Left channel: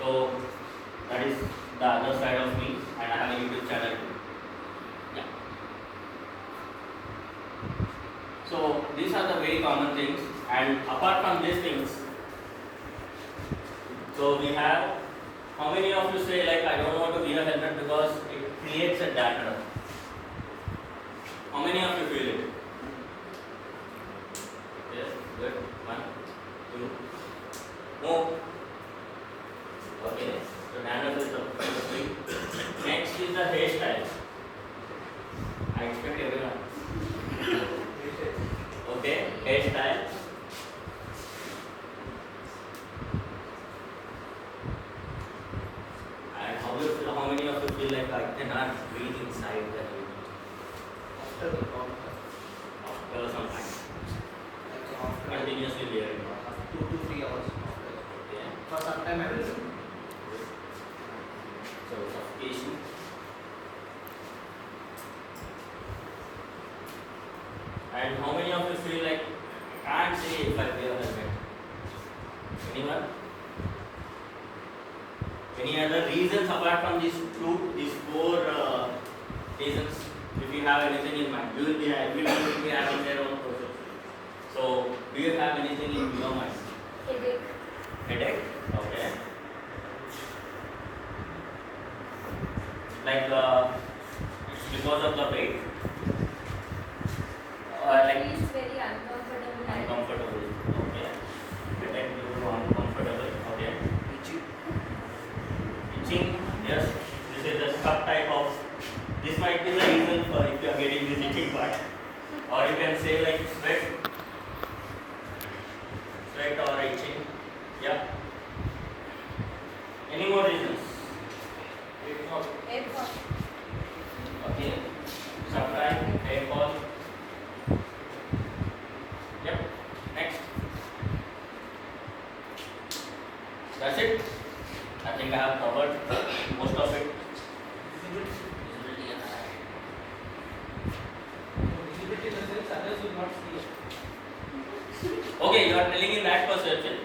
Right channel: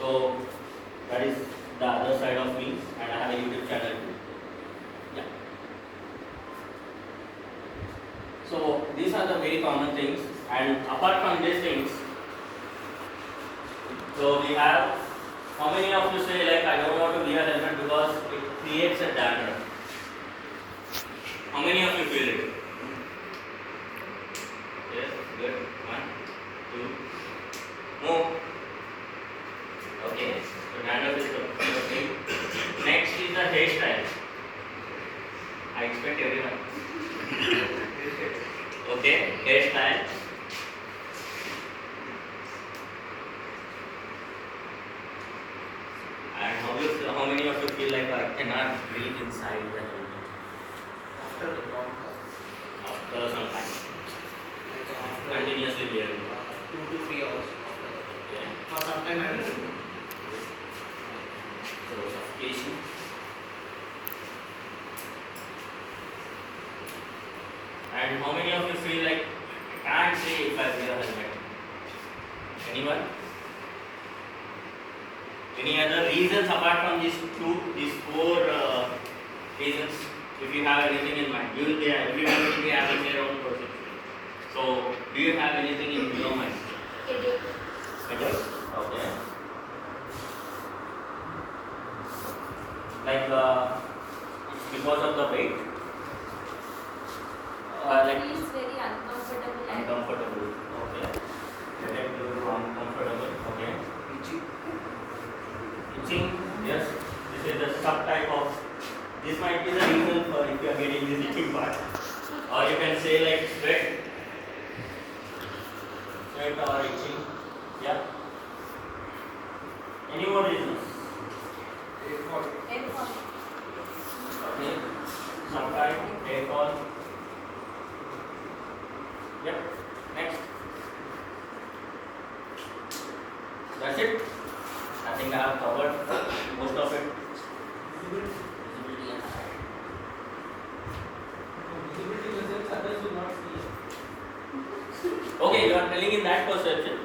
So that is the other side of me, and I have a YouTube channel too. Yeah. So these are the very common things, and apart from these things, so we have, how many of you say like I don't want to wear a helmet because it creates a dandruff? How many of you feel it? Yes, good. 1, 2, move. Okay, so dandruff is the thing. Next is the hairstyle. I expect everyone. Okay, hairstyle. And how many of you feel like I cannot breathe inside the helmet? After some time. Continuously wearing. 2 to 3 hours. Okay. For some time I will do. So suffocation. And how many of you feel like I can't say if I wear a helmet? Anyone? Any other reasons apart from these four reasons? If you have anything in mind, everyone will be having their own process. So, do you have anything in your mind? Headache. Headache? Okay. Like it's because of the weight? Like It is very uncomfortable. uncomfortable. Okay. Headache due to uncomfortable. Okay. Itching, yes. This is the subtype of. This might be the reason for if you are getting this itching part. Or you can say like sweat or itching. Yeah. Any more reasons? Airport. Okay. Subtype, hair fall. Yep. Next. That's it. I think I have covered most of it. Visibility and height. Others will not see. Okay, you are telling in that perception.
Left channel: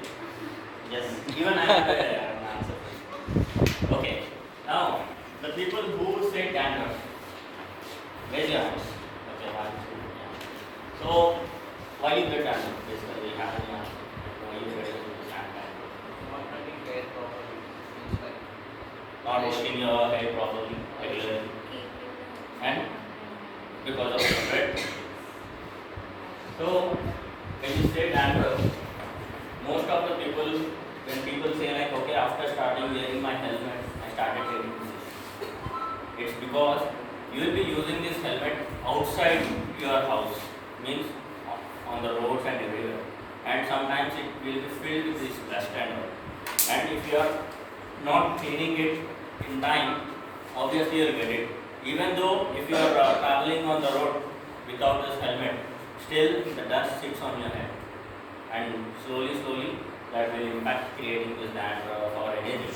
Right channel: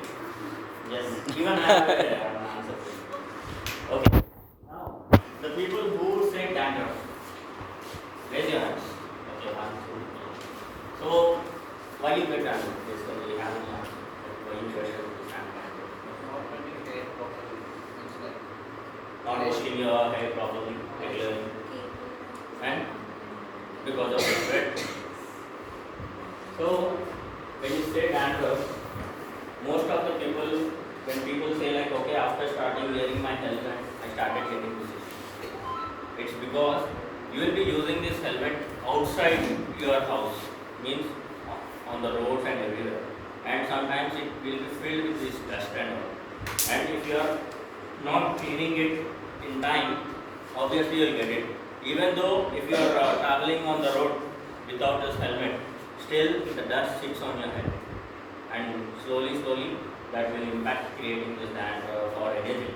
Yes. Even I have an answer for you. Okay. Now, the people who say dandruff, raise your hands. Okay, 1, 2. So, why you get dandruff? Basically, you have any answer. Why you get dandruff? Not cutting hair properly. Means like Not washing your hair properly, regularly, and because of the sweat. So, when you say dandruff, most of the people, when people say like, okay, after starting wearing my helmet, I started getting this. It's because you will be using this helmet outside your house, means on the roads and everywhere. And sometimes it will be filled with this dust and all. And if you are not cleaning it in time, obviously you will get it. Even though if you are traveling on the road without this helmet, still the dust sits on your head, and slowly that will impact creating this dandruff or anything.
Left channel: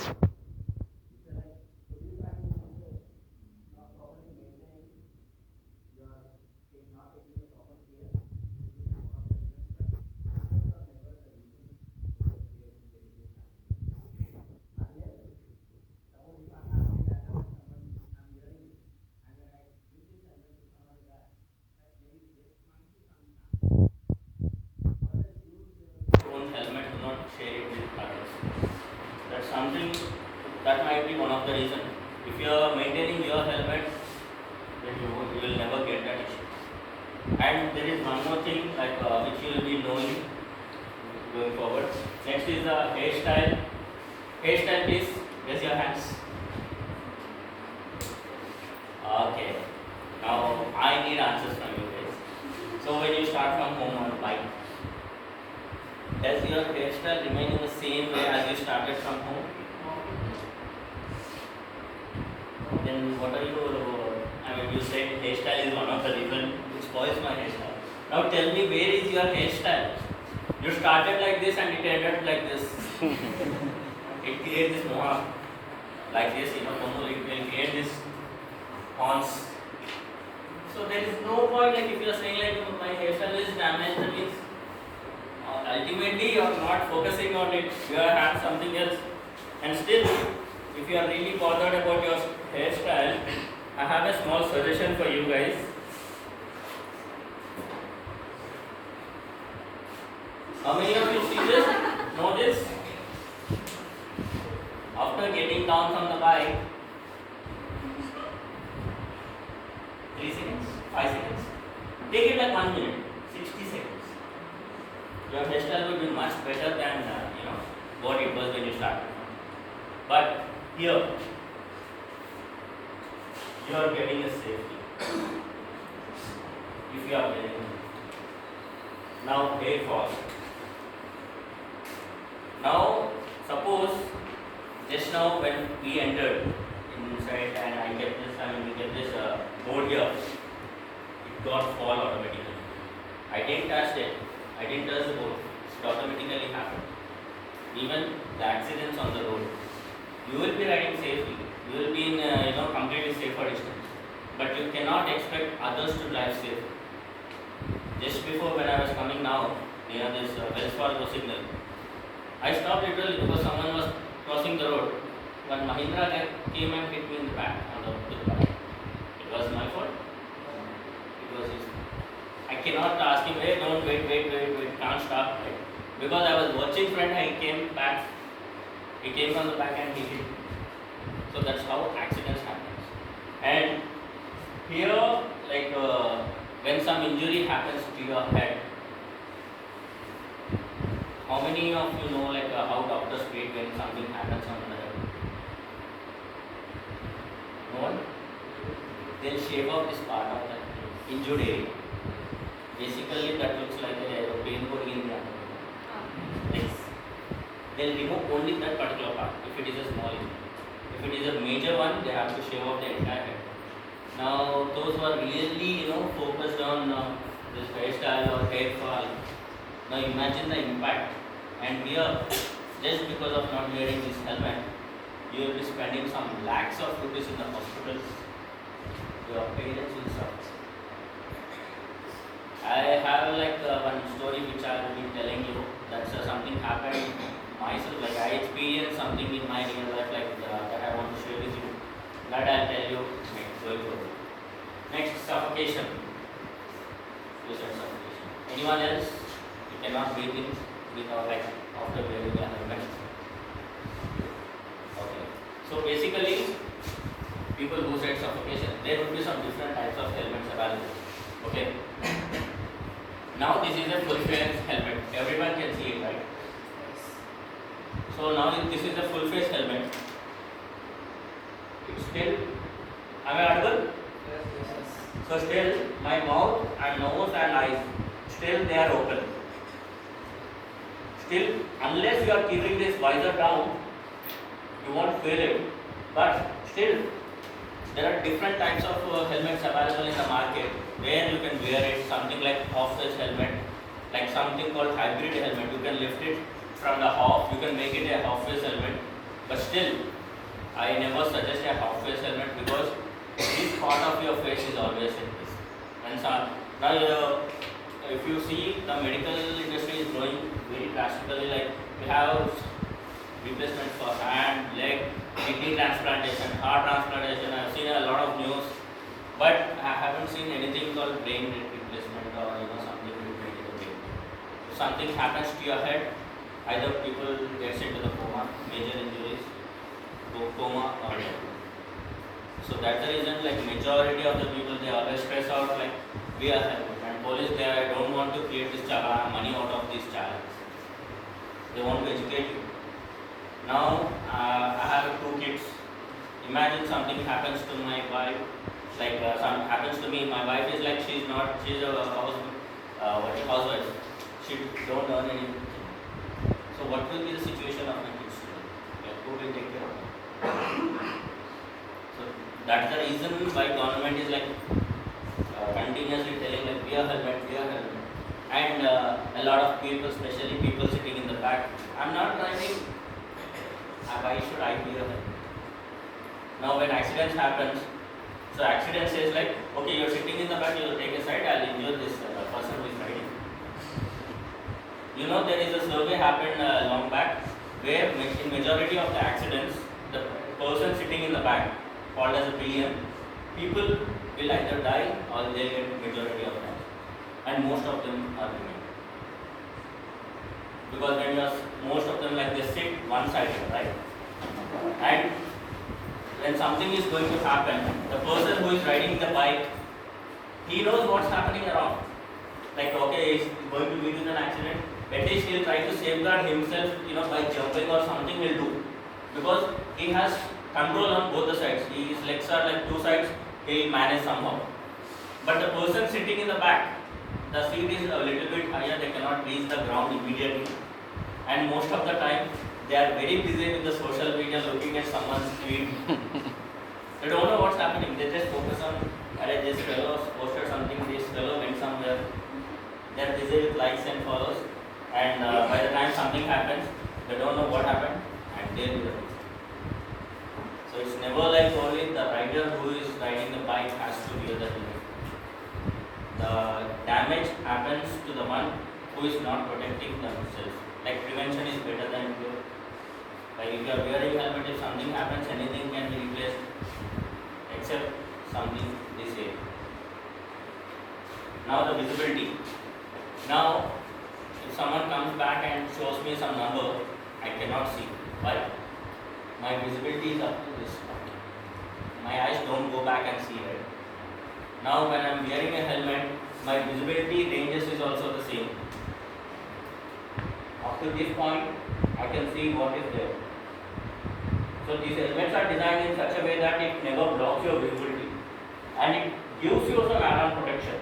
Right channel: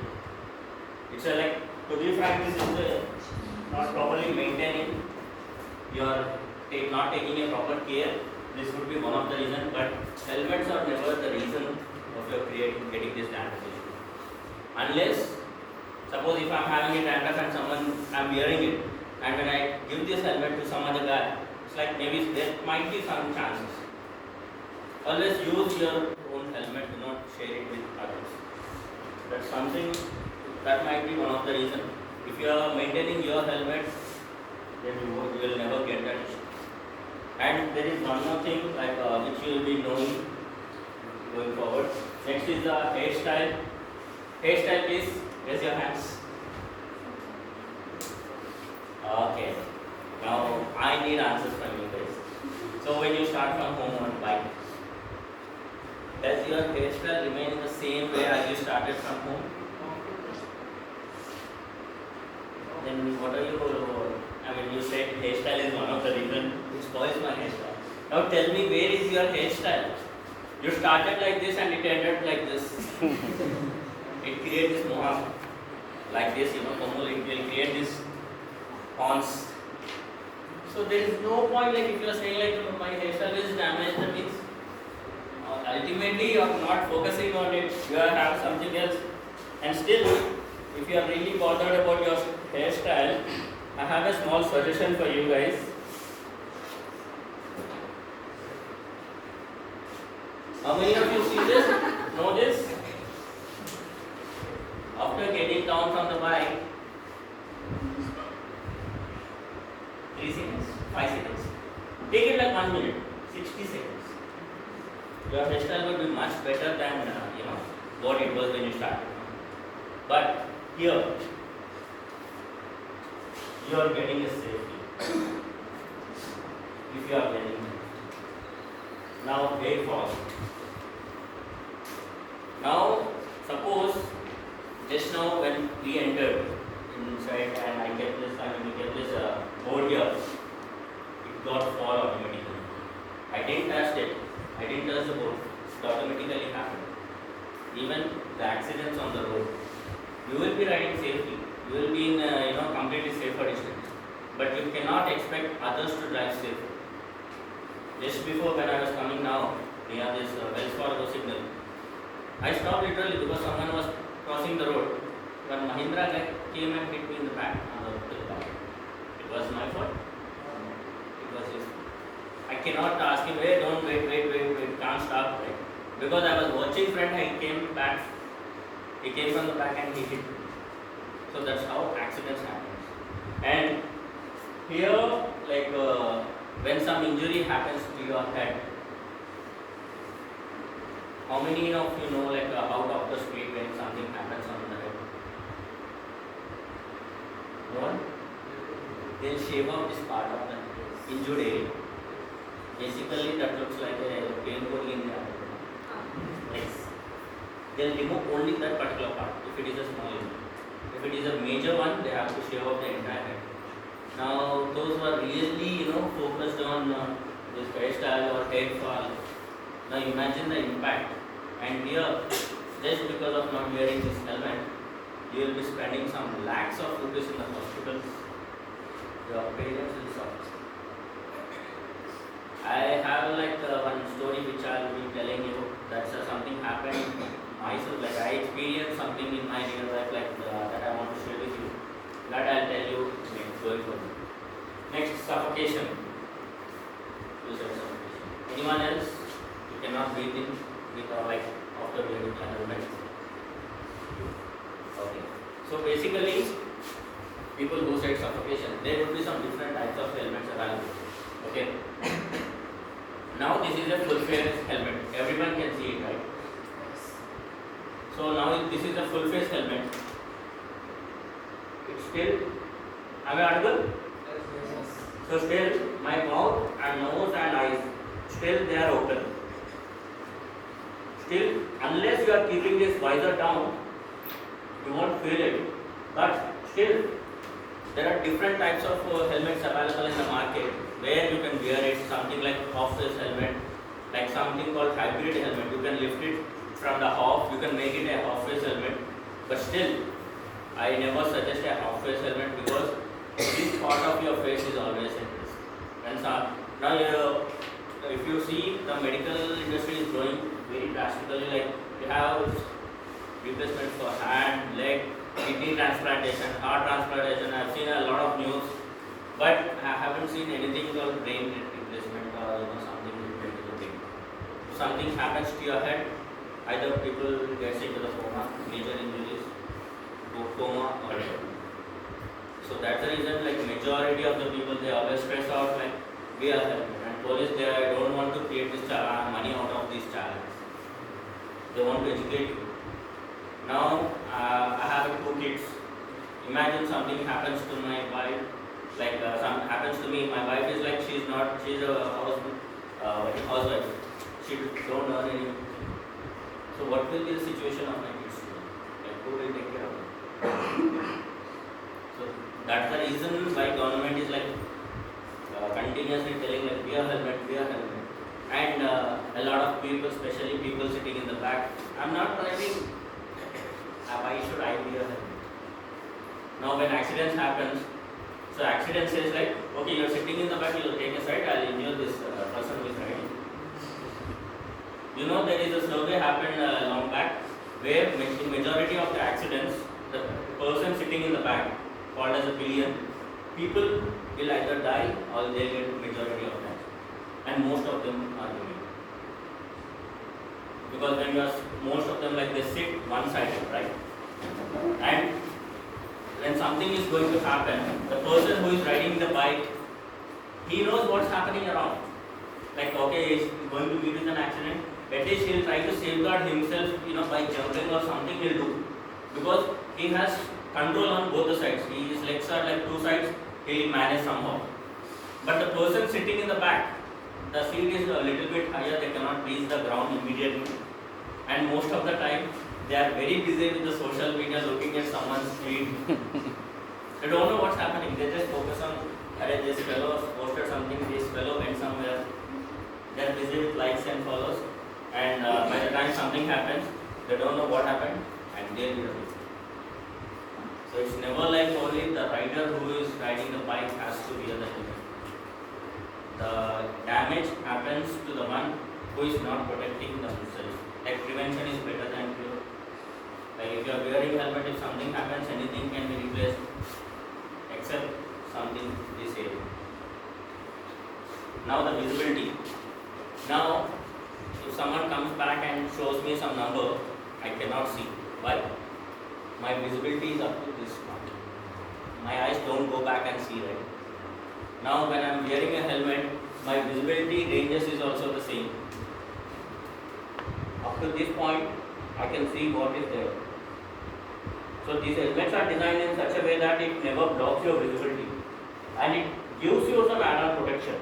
It's a like, to be frank, this is not properly maintaining your not taking a proper care. This would be one of the reasons, but helmets are never the reason of your getting this dandruff issue. Unless, suppose if I am having a dandruff and I am wearing it, and when I give this helmet to some other guy, it's like maybe there might be some chances. Always use your own helmet, do not share it with others. That's something that might be one of the reasons. If you are maintaining your helmet, then you will never get that issue. And there is one more thing like which you will be knowing going forward. Next is the hairstyle. Hairstyle, please raise your hands. Okay. Now I need answers from you guys. So when you start from home on bike, does your hairstyle remain in the same way as you started from home? Then what are you? I mean, you said hairstyle is one of the reasons which spoils my hairstyle. Now tell me, where is your hairstyle? You started like this and it ended like this. It creates this mohawk like this, it will create this horns. So there is no point like if you are saying like my hairstyle is damaged, that means ultimately you are not focusing on it, you are having something else. And still, if you are really bothered about your hairstyle, I have a small suggestion for you guys. How many of you see this? Know this? After getting down from the bike, 3 seconds, 5 seconds. Take it like 1 minute, 60 seconds. Your hairstyle will be much better than what it was when you started. But here, you are getting a safety. If you are getting it. Now hair fall. Now suppose just now when we entered inside and we get this board here, it got fall automatically. I didn't touch it. I didn't touch the board. It automatically happened. Even the accidents on the road, you will be riding safely. You will be in completely safer distance. But you cannot expect others to drive safe. Just before when I was coming now near this Wells Fargo signal, I stopped literally because someone was crossing the road. One Mahindra guy came and hit me in the back on the back. It was my fault. It was his. I cannot ask him, hey, don't wait, can't stop. Right? Because I was watching front, he came back. He came from the back and he hit me. So that's how accidents happen. And here, when some injury happens to your head, how many of you know how doctors treat when something happens on the head? No one? They'll shave off this part of the injured area. Basically, that looks like a pain body in the abdomen. Like, they'll remove only that particular part if it is a small injury. If it is a major one, they have to shave off the entire head. Now, those who are really focused on this hairstyle or hair fall, now imagine the impact. And here, just because of not wearing this helmet, you will be spending some lakhs of rupees in the hospitals. Your parents will suffer. I have one story which I will be telling you. That's something happened myself. I experienced something in my real life that I want to share with you. That I'll tell you going forward. Next, suffocation. You said suffocation. Anyone else? You cannot breathe in without after wearing a helmet. Okay. So basically, people who said suffocation, there would be some different types of helmets available. Okay. Now this is a full face helmet. Everyone can see it, right? So now this is a full face helmet. It's still, am I audible? Yes. So still my mouth and nose and eyes, still they are open. Still, unless you are keeping this visor down, you won't feel it. But still, there are different types of helmets available in the market where you can wear it, something like half-face helmet, like something called hybrid helmet. You can lift it from the half, you can make it a half-face helmet. But still, I never suggest a half-face helmet because this part of your face is always at risk. And so, now, if you see, the medical industry is growing very drastically. You have replacement for hand, leg, kidney transplantation, heart transplantation. I have seen a lot of news, but I haven't seen anything called brain replacement or something related to the brain. If something happens to your head, either people get into the coma, major injuries, coma or death. So that's the reason majority of the people, they always stress out we are helping. And police, they don't want to create this money out of this challenge. They want to educate you. Now I have 2 kids. Imagine something happens to my wife, some happens to me. My wife is she's a housewife. She don't earn anything. So what will be the situation of my kids today? Who will take care of them? So that's the reason why government is continuously telling wear helmet. And a lot of people, especially people sitting in the back, I'm not driving. Why should I wear a helmet? Now when accidents happens, so accident says okay, you're sitting in the back, you'll take a side, I'll injure this person who is riding. There is a survey happened long back where in majority of the accidents, the person sitting in the back, called as a pillion, people will either die or they'll get majority of them, and most of them are women. Because when you are most of them like they sit one-sided, right? And when something is going to happen, the person who is riding the bike, he knows what's happening around. Like okay, he's going to meet with an accident. At least he'll try to safeguard himself, by jumping or something he'll do, because he has control on both the sides. His legs are like two sides. He'll manage somehow. But the person sitting in the back, the seat is a little bit higher. They cannot reach the ground immediately, and most of the time they are very busy with the social media, looking at someone's feed. They don't know what's happening. They just focus on, this fellow posted something. This fellow went somewhere. They are busy with likes and follows. And by the time something happens, they don't know what happened, and they'll be the victim. So it's never like only the rider who is riding the bike has to wear the helmet. The damage happens to the one who is not protecting themselves. Like prevention is better than cure. Like if you are wearing helmet, if something happens, anything can be replaced except something this age. Now the visibility. Now if someone comes back and shows me some number, I cannot see. Why? My visibility is up to this point. My eyes don't go back and see, right? Now when I am wearing a helmet, my visibility ranges is also the same. Up to this point, I can see what is there. So these helmets are designed in such a way that it never blocks your visibility, and it gives you some add-on protection.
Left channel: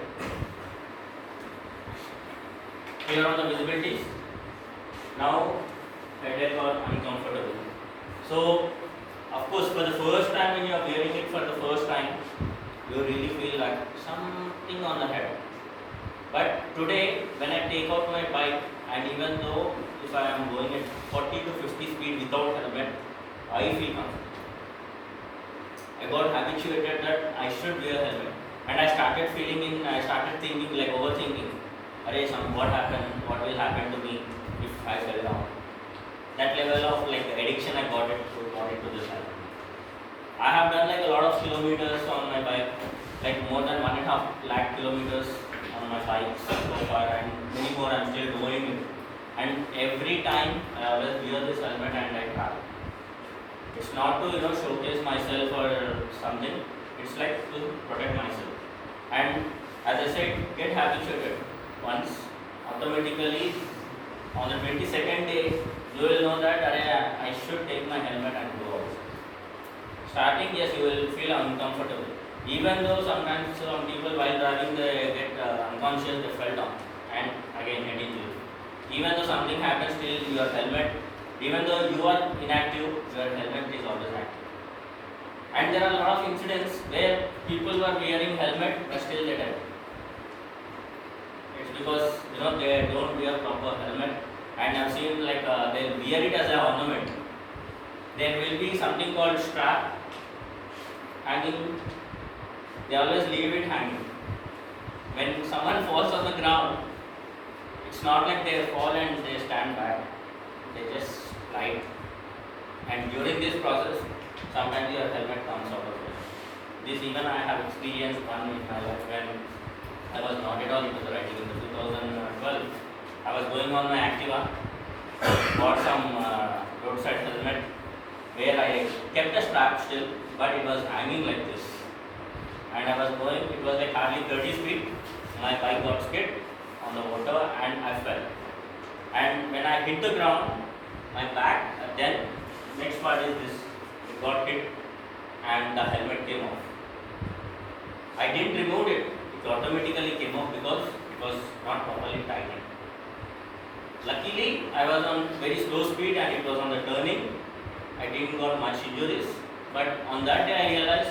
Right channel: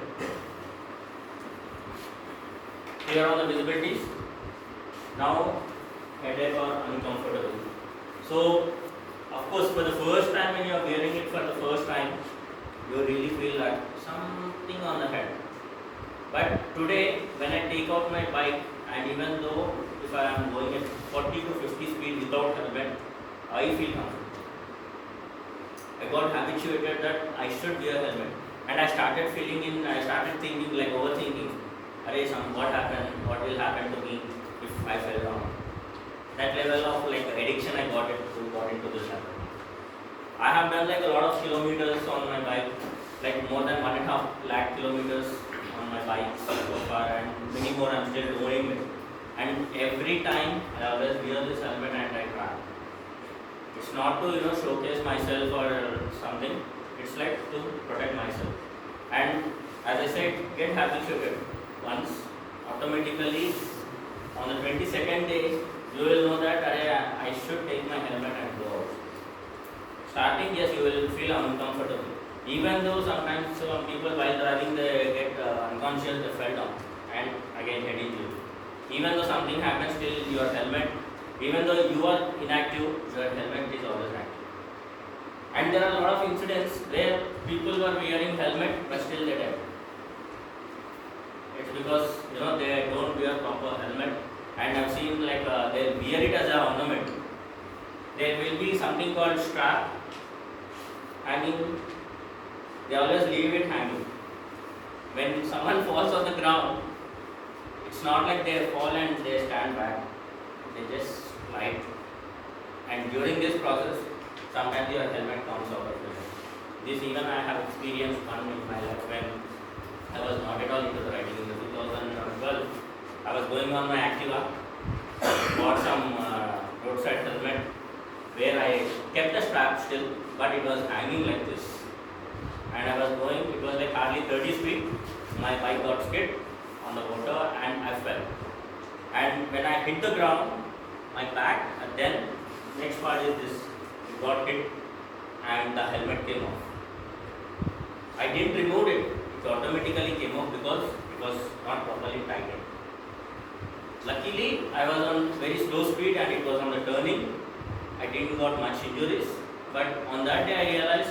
Here are the visibilities. Now headache or uncomfortable. So of course for the first time when you are wearing it for the first time, you really feel like something on the head. But today when I take out my bike, and even though if I am going at 40 to 50 speed without helmet, I feel comfortable. I got habituated that I should wear helmet, and I started thinking like overthinking. What happened? What will happen to me if I fell down? That level of like addiction I got into this habit. I have done like a lot of kilometers on my bike, like more than 1.5 lakh kilometers on my bike so far, and many more I'm still doing it. And every time I always wear this helmet and I travel. It's not to showcase myself or something. It's like to protect myself. And as I said, get habituated. Once automatically on the 22nd day, you will know that I should take my helmet and go out. Starting, yes, you will feel uncomfortable. Even though sometimes some people while driving they get unconscious, they fell down and again head injury. Even though something happens, still your helmet, even though you are inactive, your helmet is always active. And there are a lot of incidents where people were wearing helmet but still they died. It's because they don't wear proper helmet, and I've seen like they'll wear it as an ornament. There will be something called strap hanging. They always leave it hanging. When someone falls on the ground, it's not like they fall and they stand back. They just slide. And during this process, sometimes your helmet comes out of it. This even I have experienced one in my life when I was not at all into the riding in the 2012. I was going on my Activa, bought some roadside helmet where I kept the strap still, but it was hanging like this. And I was going, it was like hardly 30 speed. My bike got skid on the water and I fell. And when I hit the ground, my back, then next part is this, it got hit and the helmet came off. I didn't remove it. It automatically came off because it was not properly tightened. Luckily, I was on very slow speed and it was on the turning. I didn't got much injuries, but on that day I realized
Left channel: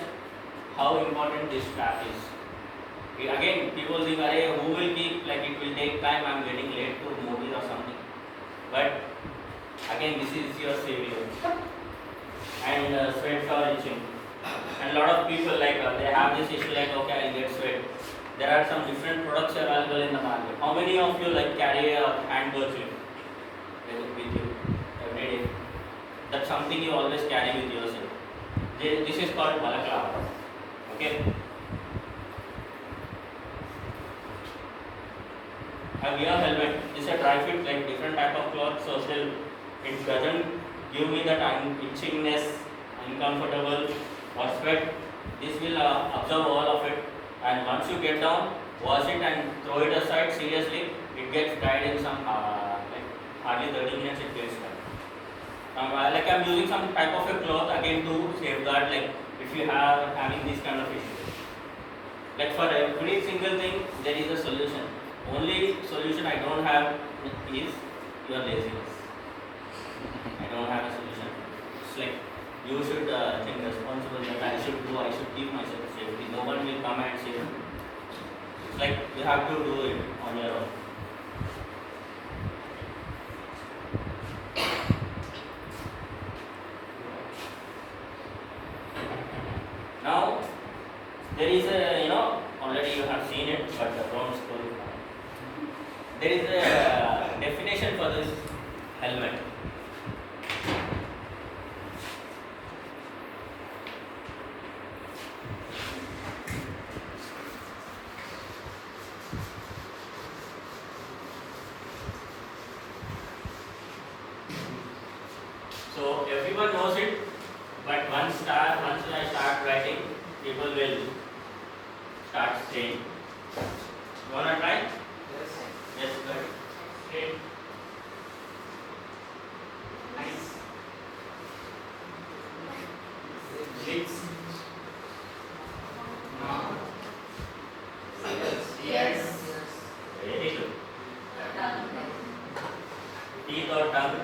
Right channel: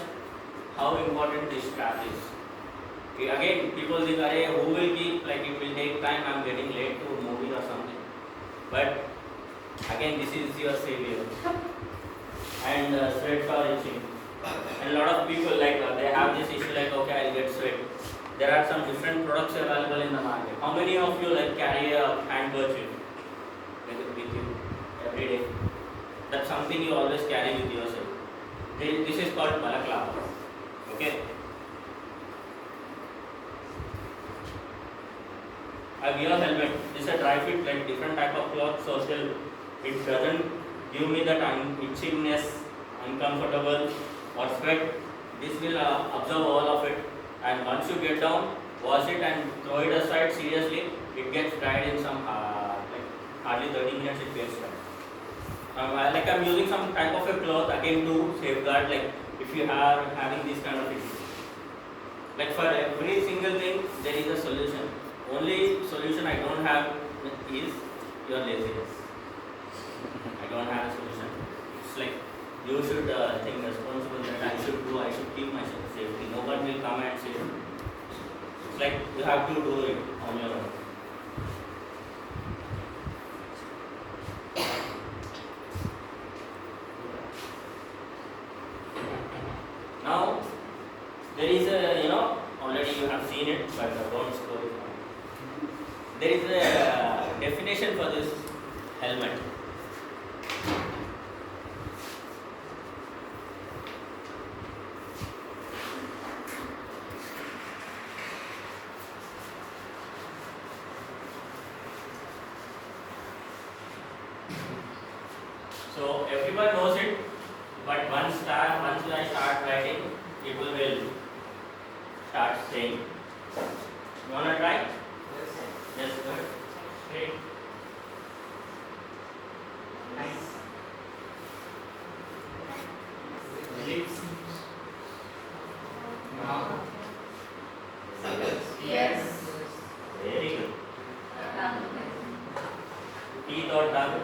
how important this strap is. Again, people think, who will keep, like it will take time, I'm getting late to movie or something. But again, this is your savior. And sweats are itching. And a lot of people like they have this issue like, okay, I'll get sweat. There are some different products available in the market. How many of you like carry a handkerchief with you every day? That's something you always carry with yourself. This is called balaclava. Okay. A gear helmet is a dry fit, like different type of cloth, so still it doesn't give me that itchingness, uncomfortable or sweat. This will absorb all of it, and once you get down, wash it and throw it aside. Seriously, it gets dried in some like hardly 30 minutes. It gets dried. Like I'm using some type of a cloth again to safeguard. Like if you are having this kind of issue, like for every single thing there is a solution. Only solution I don't have is your laziness. I don't have a solution. It's like you should think responsible that I should keep myself safely. No one will come and save me. It's like you have to do it on your own. Now there is a already you have seen it, but don't scroll it. There is a definition for this helmet. So everyone knows it, but once I start writing, people will start saying. You wanna try? Yes, go ahead. Okay. Lips. Mouth. Yes. Very good. Teeth or tongue?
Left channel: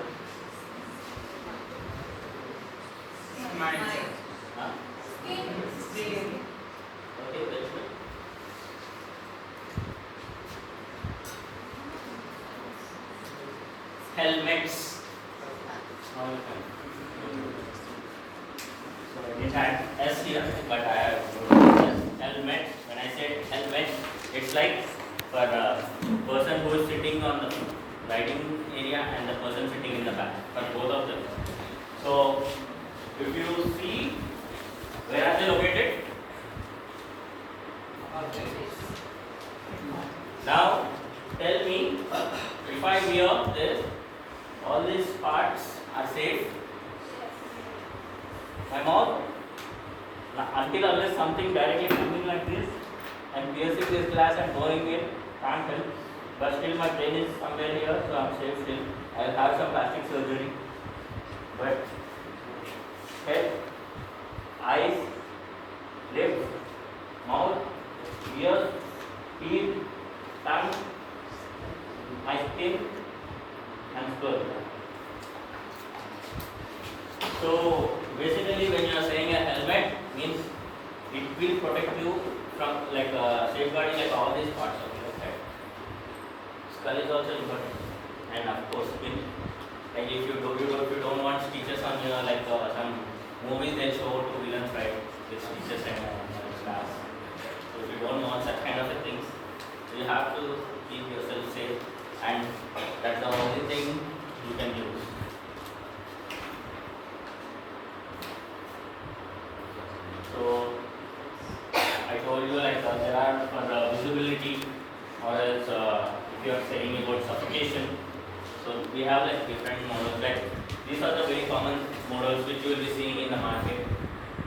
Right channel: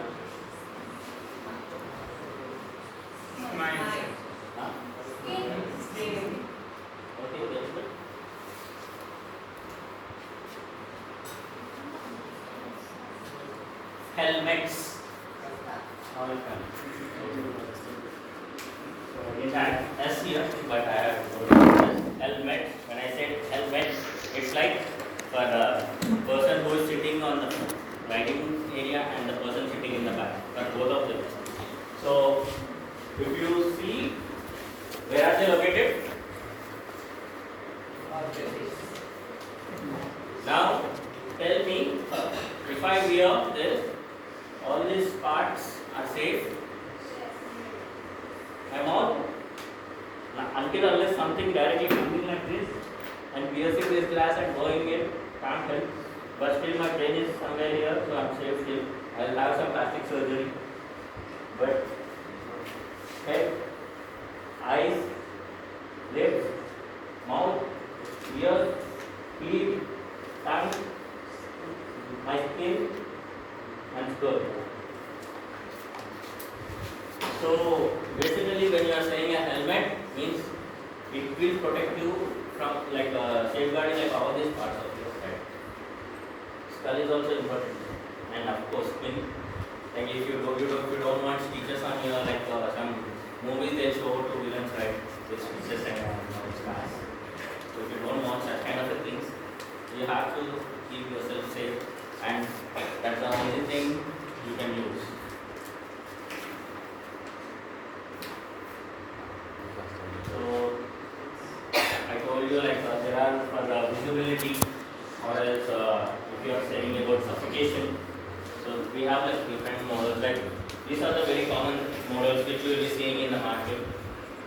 Huh? Okay, very good. Helmets. Now you can. So it had S here, but I have helmet. When I said helmet, it's like for the person who is sitting on the riding area and the person sitting in the back, for both of them. So if you see, where are they located? Now tell me, if I wear this, all these parts are safe. My mouth, until unless something directly coming like this and piercing this glass and going in, can't help. But still my brain is somewhere here, so I'm safe still. I'll have some plastic surgery. But head, eyes, lips, mouth, ears, teeth, tongue, my skin and skull. So basically when you are saying a helmet means it will protect you from like safeguarding like all these parts of your head. Skull is also important, and of course skin. Like if you don't want stitches on your like some movies they show to villains, right, with stitches and stars. So if you don't want that kind of a things, you have to keep yourself safe, and that's the only thing you can use. So I told you like there are for the visibility, or else if you are saying about suffocation. So we have like different models. Like these are the very common models which you will be seeing in the market.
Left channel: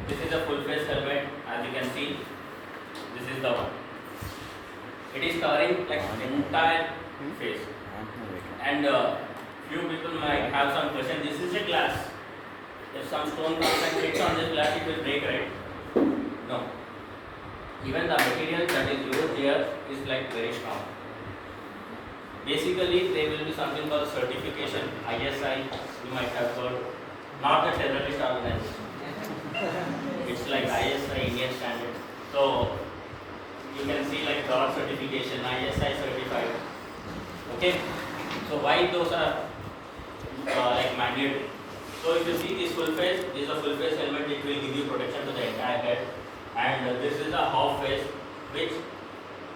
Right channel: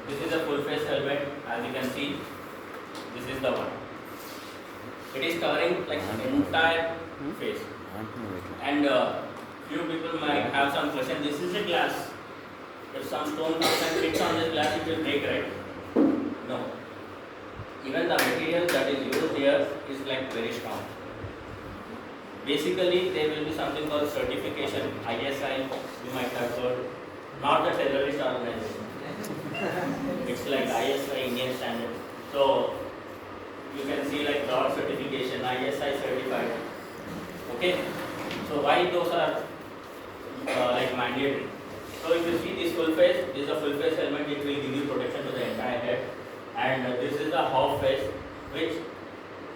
This is a full face helmet, as you can see. This is the one. It is covering like entire face. And few people might have some question. This is a glass. If some stone comes and hits on this glass, it will break, right? No. Even the material that is used here is like very strong. Basically, there will be something called certification, ISI, you might have heard, not a terrorist organization. It's like ISI, Indian standard. So, you can see like DOT certification, ISI certified. Okay? So, why those are like mandatory? So, if you see this full face, this is a full face helmet, it will give you protection to the entire head. And this is the half face, which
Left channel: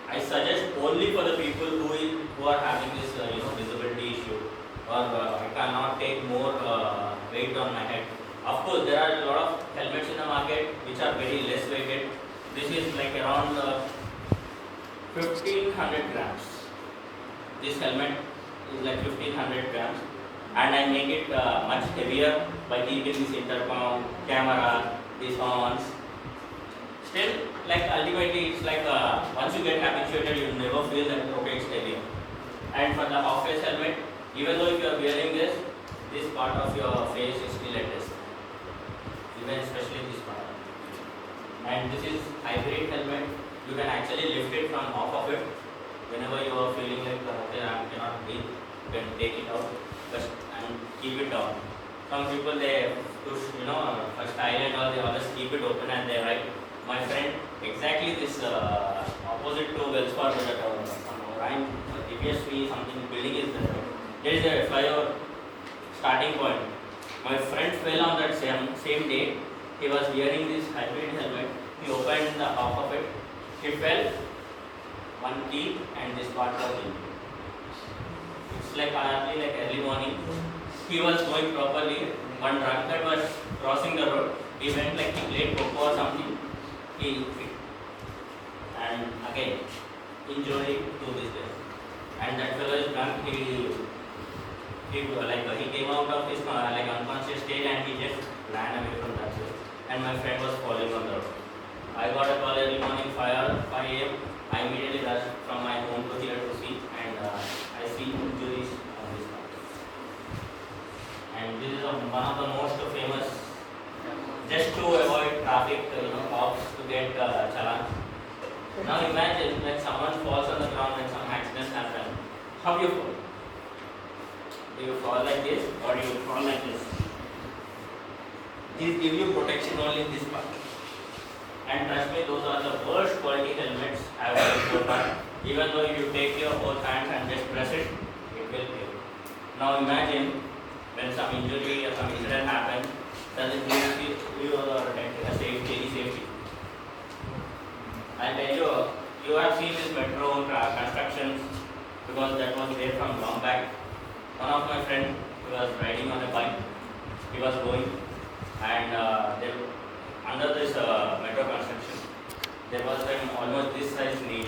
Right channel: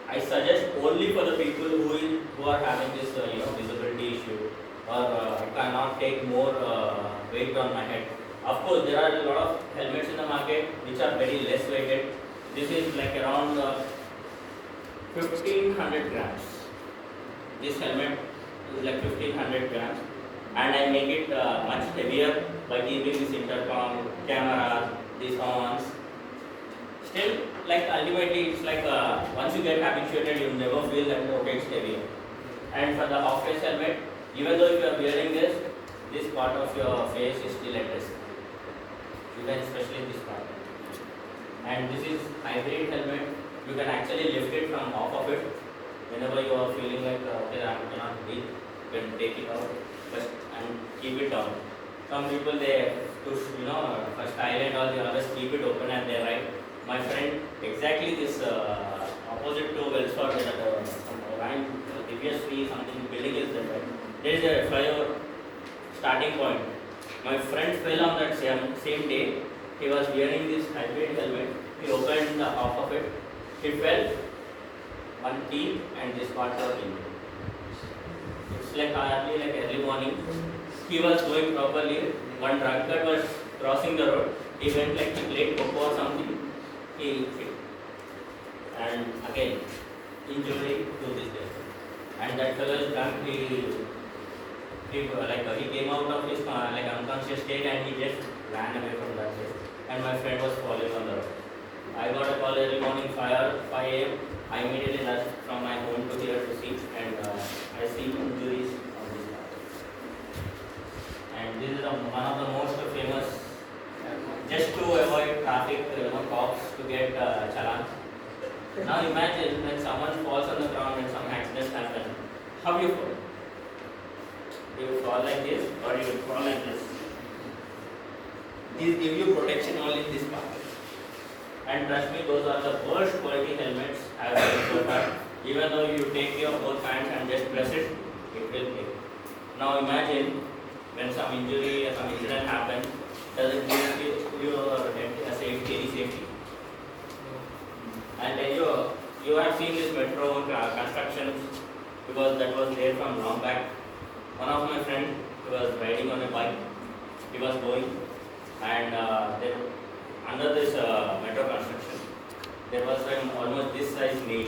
I suggest only for the people who are having this visibility issue, or I cannot take more weight on my head. Of course, there are a lot of helmets in the market which are very less weighted. This is like around 1500 grams. This helmet is like 1500 grams, and I make it much heavier by keeping this intercom, camera, these horns. Still, like ultimately, it's like once you get habituated, you never feel that okay, it's heavy. And for the half-face helmet, even though if you are wearing this part of your face is still at rest, even especially this part. And this is hybrid helmet. You can actually lift it from off of it whenever you are feeling like okay, I cannot breathe. You can take it out, and keep it down. Some people they push, for style and all, the others keep it open and they ride. My friend, exactly this opposite to Wells Fargo, that some Orion, previously something building is there. There is a flyover starting point. My friend fell on that same day. He was wearing this hybrid helmet. He opened the half of it. He fell. One teeth and this part was in. It's like hardly like early morning. He was going properly. One drunkard was crossing the road. He went like he played coco or something. And again injury to this day. And that fellow is drunk. He came out of his like unconscious state and he just ran away from that place. And my friend was falling on the road. I got a call early morning 5 a.m. I immediately rushed from my home to here to see, and I see injuries on this part. And this is one of the most famous, just to avoid traffic, cops to get challan. Now imagine when someone falls on the ground and some accidents happen. How you fall? Do you fall like this or do you fall like this? These give you protection only in this part. And trust me, those are the worst quality helmets I have ever so far. Even though you take your both hands and just press it, it will break. Now imagine when some injury or some incident happens, does it give you a safety, any safety? I'll tell you, you have seen this metro constructions because that was there from long back. One of my friends, he was riding on a bike, he was going, and under this metro construction, there was almost this size nail.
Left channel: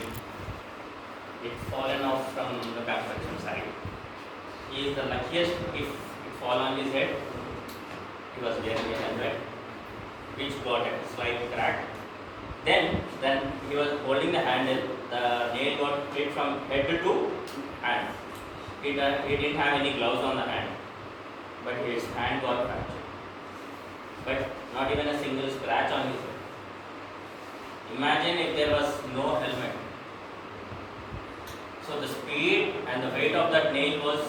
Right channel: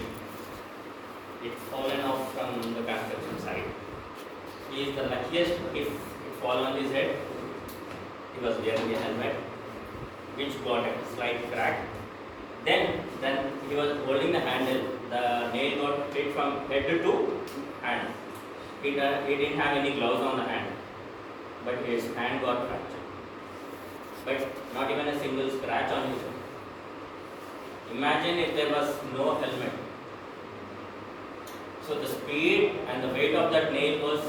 It fallen off from the construction side. He is the luckiest if it fall on his head. He was wearing a helmet, which got a slight crack. Then he was holding the handle. The nail got hit from head to hand. He didn't have any gloves on the hand, but his hand got fractured. But not even a single scratch on his head. Imagine if there was no helmet. So the speed and the weight of that nail was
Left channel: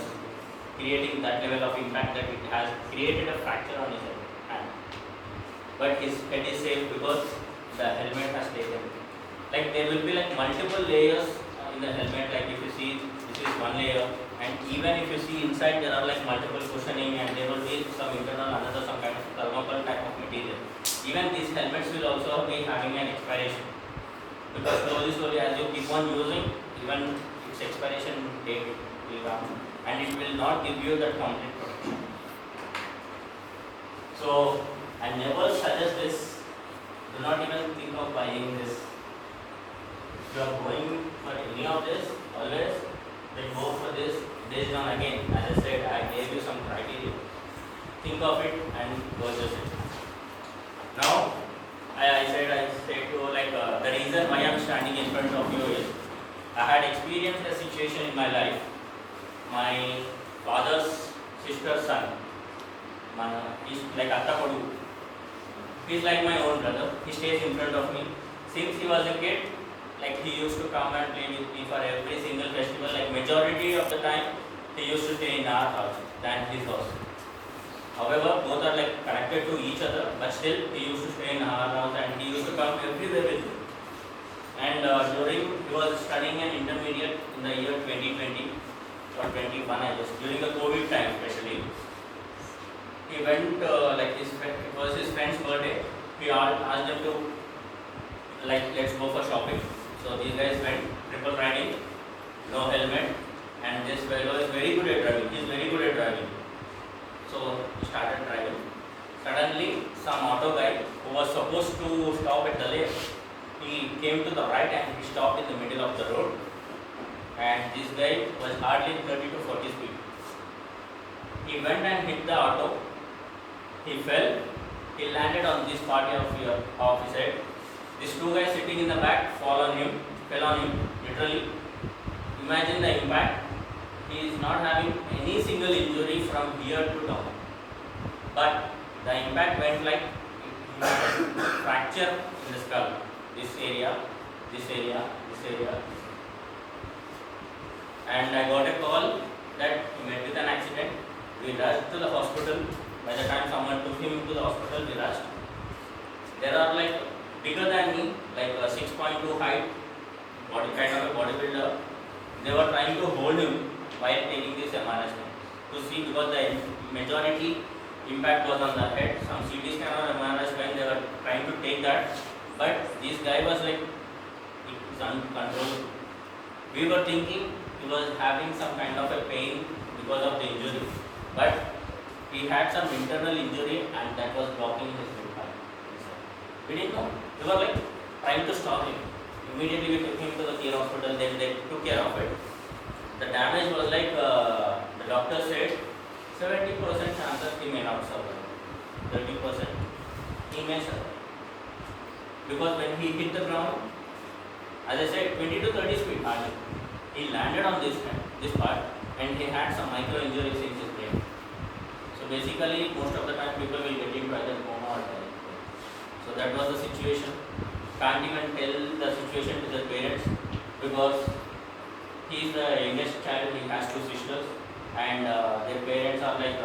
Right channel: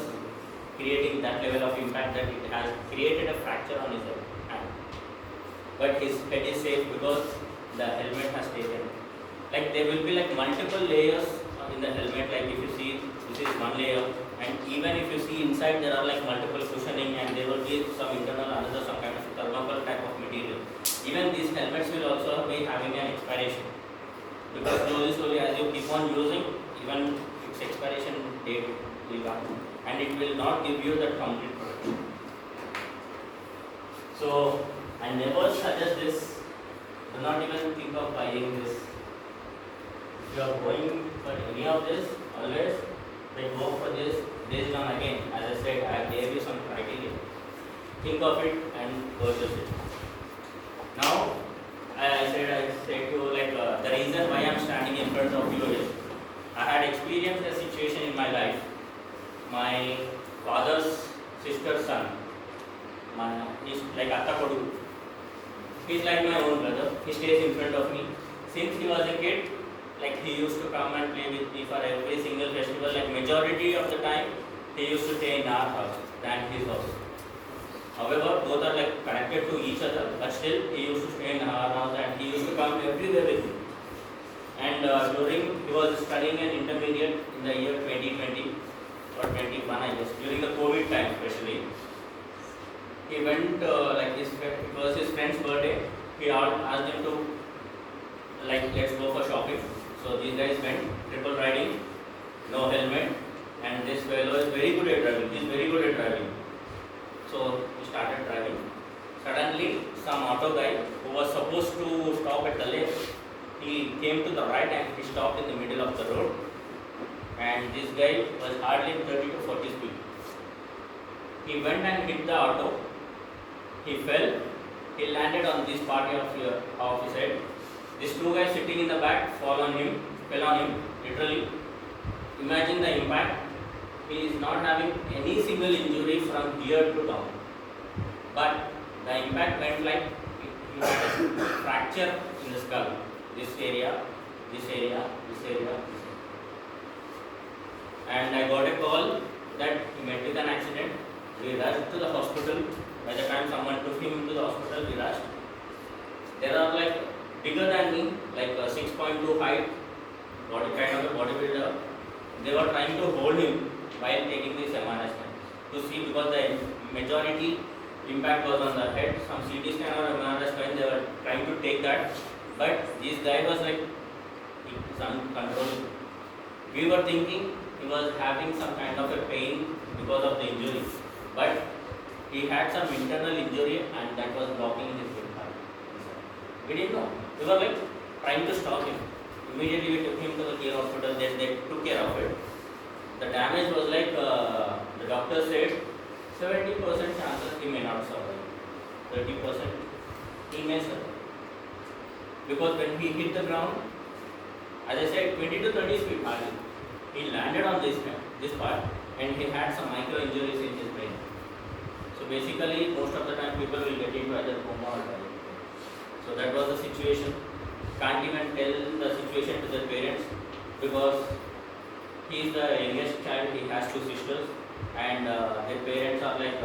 creating that level of impact that it has created a fracture on his hand. But his head is safe because the helmet has taken. Like there will be like multiple layers in the helmet. Like if you see, this is one layer, and even if you see inside, there are like multiple cushioning, and there will be some internal, another some kind of thermocol type of material. Even these helmets will also be having an expiration, because slowly as you keep on using, even its expiration date will come, and it will not give you the complete protection. So I never suggest this. Do not even think of buying this. If you are going for any of this, always go for this based on, again, as I said, I gave you some criteria. Think of it and purchase it. Now, I said to you, like the reason why I am standing in front of you is I had experienced a situation in my life. My father's sister's son, he's like Attakodu. He's like my own brother. He stays in front of me. Since he was a kid, like he used to come and play with me for every single festival. Like majority of the time, he used to stay in our house than his house. However, both are like connected to each other, but still he used to stay in our house and he used to come everywhere with me. And during, he was studying an intermediate in the year 2020 or 21, I guess, during the COVID time especially. He went, it was his friend's birthday. He asked them to, let's go for shopping. So these guys went, triple riding, no helmet, and this fellow is very good at driving. He's very good at driving. So he started driving. Suddenly, some auto guy who was supposed to stop at the left, he came to the right and he stopped in the middle of the road. And this guy was hardly 30 to 40 speed. He went and hit the auto. He fell. He landed on this part of his head. These two guys sitting in the back fell on him, literally. Imagine the impact. He is not having any single injury from here to down. But the impact went like he had a fracture in the skull. This area, this area, this area. And I got a call that he met with an accident. We rushed to the hospital. By the time someone took him to the hospital, we rushed. There are like bigger than me, like 6.2 height, kind of a bodybuilder. They were trying to hold him while taking this MRI scan to see, because the majority impact was on the head. Some CT scan or MRI scan, they were trying to take that, but this guy was like, it's uncontrollable. We were thinking he was having some kind of a pain because of the injury, but he had some internal injury and that was blocking his windpipe. We didn't know. We were like trying to stop him. Immediately we took him to the care hospital. Then they took care of it. The damage was like the doctor said 70% chances he may not survive. 30% he may survive. Because when he hit the ground, as I said, 20 to 30 speed hardly. He landed on this part and he had some micro injuries in his brain. So basically, most of the time people will get into either coma or die. So that was the situation. Can't even tell the situation to their parents because he is the youngest child. He has two sisters, and their parents are like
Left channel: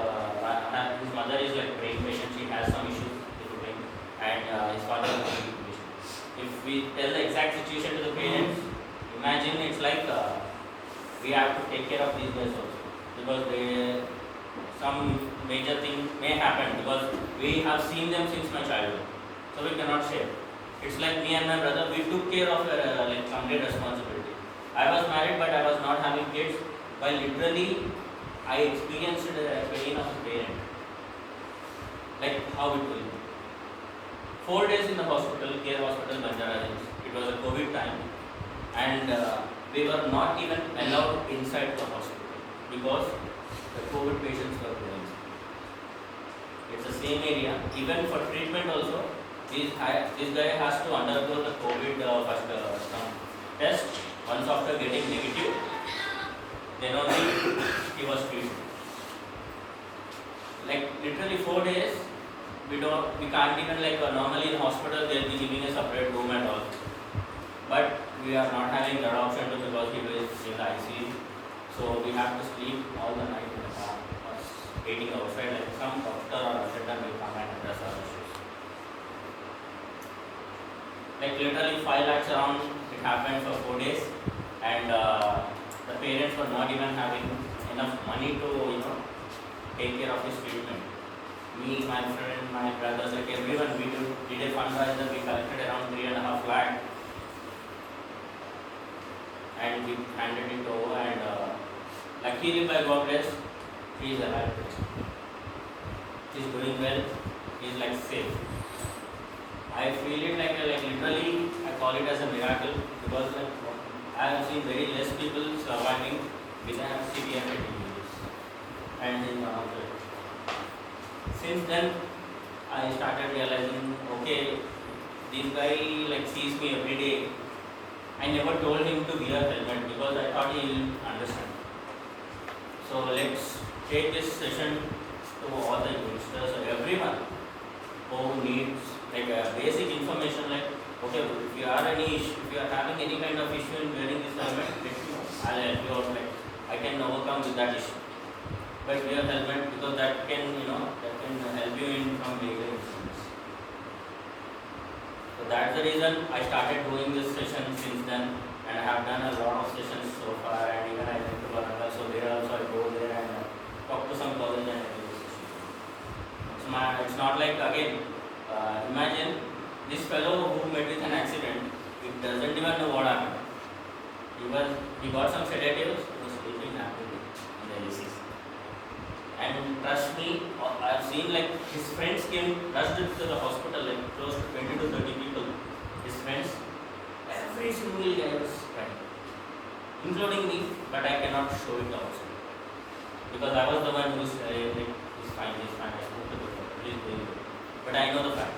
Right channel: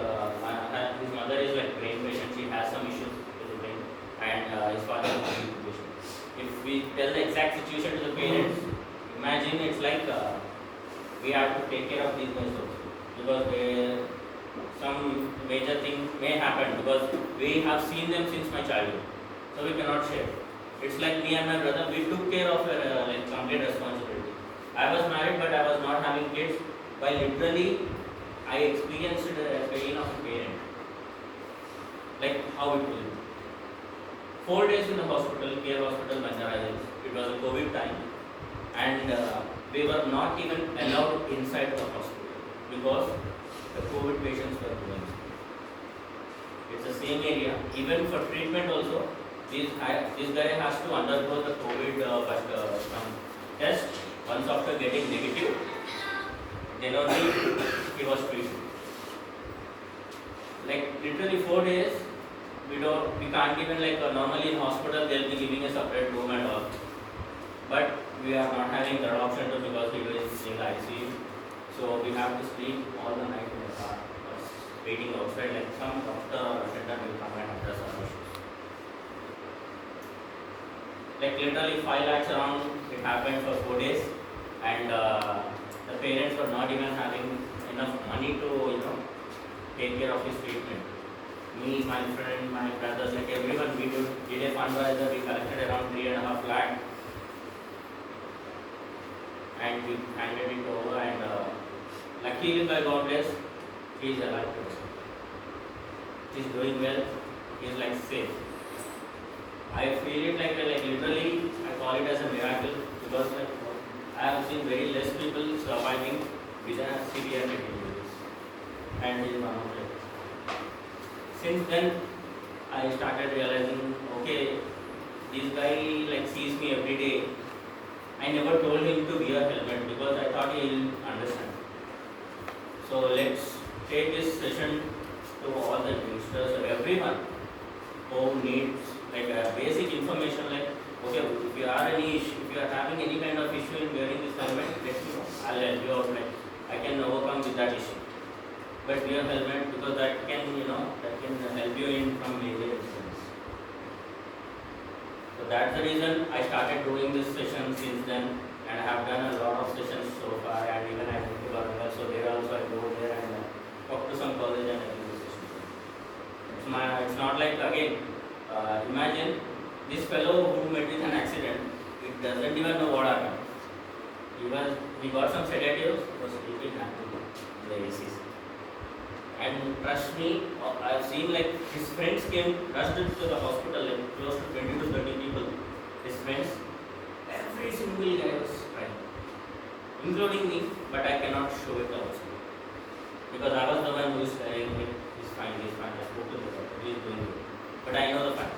his mother is like brain patient. She has some issues with the brain, and his father is a brain patient. If we tell the exact situation to the parents, imagine it's like we have to take care of these guys also because some major thing may happen because we have seen them since my childhood, so we cannot share. It's like me and my brother, we took care of like complete responsibility. I was married but I was not having kids, but literally I experienced the pain of a parent, like how it will be. 4 days in the hospital, care hospital, Banjara Hills. It was a COVID time, and we were not even allowed inside the hospital because the COVID patients were going. It's the same area. Even for treatment also, this guy has to undergo the COVID first some test. Once after getting negative, then only he was treated. Like literally 4 days, we can't even like normally in hospital they'll be giving a separate room and all. But we are not having that option too because he is in the ICU. So we have to sleep all the night in the car, waiting outside, like some doctor or attendant will come and address our issues. Like literally 5 lakhs around, it happened for 4 days, and the parents were not even having enough money to take care of his treatment. Me, my friend, my brothers, like everyone, we did a fundraiser. We collected around 3.5 lakh, and we handed it over. And luckily, by God bless, he is alive. He is doing well. He is like safe. I feel it like literally, I call it as a miracle because like I have seen very less people surviving with a severe head injuries, and this is one of them. Since then, I started realizing, okay, this guy like sees me every day. I never told him to wear a helmet because I thought he will understand. So let's take this session to all the youngsters, everyone who needs like a basic information, like okay, if you are having any kind of issue in wearing this helmet, let me know. I'll help you out. Like I can overcome with that issue. But wear helmet because that can help you in from major incidents. So that's the reason I started doing this session since then, and I have done a lot of sessions so far, and even I went to Varangal, so there also I go there and talk to some college and I do the session. It's not like again. Imagine this fellow who met with an accident, he doesn't even know what happened. He got some sedatives, he was sleeping happily in the ACs. And trust me, I've seen like his friends came rushed to the hospital, like close to 20 to 30 people. His friends, every single guy was crying, including me, but I cannot show it outside. Because I was the one who is saying, like, he's fine, I spoke to the doctor, he's doing good. But I know the fact.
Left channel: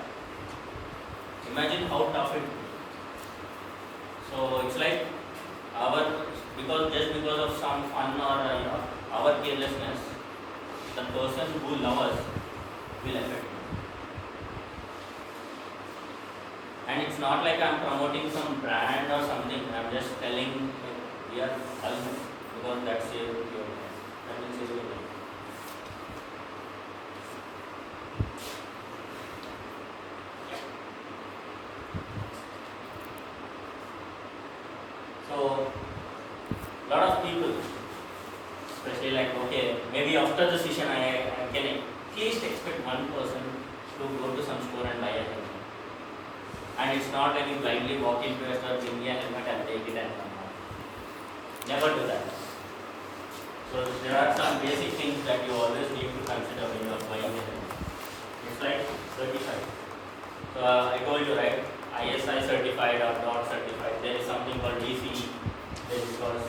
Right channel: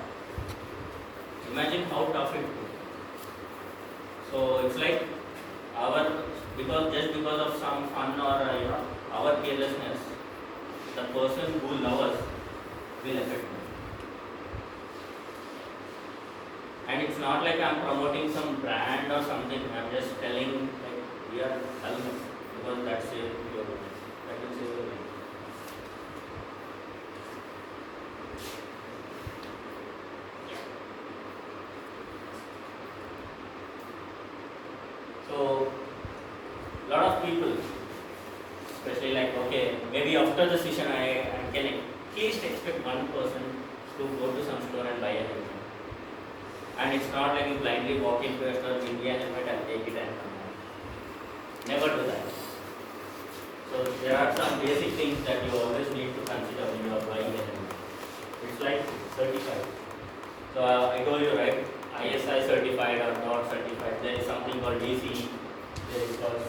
Imagine how tough it is. So it's like just because of some fun or our carelessness, the person who loves us will affect me. And it's not like I'm promoting some brand or something. I'm just telling like, we are helmet because that will save your life. So, lot of people, especially like, okay, maybe after the session I can at least expect one person to go to some store and buy a helmet. And it's not like you blindly walk into a store, give me a helmet and take it and come home. Never do that. So there are some basic things that you always need to consider when you are buying a helmet. It's like certified. So I told you, right, ISI certified or not certified. There is something called DC, there is called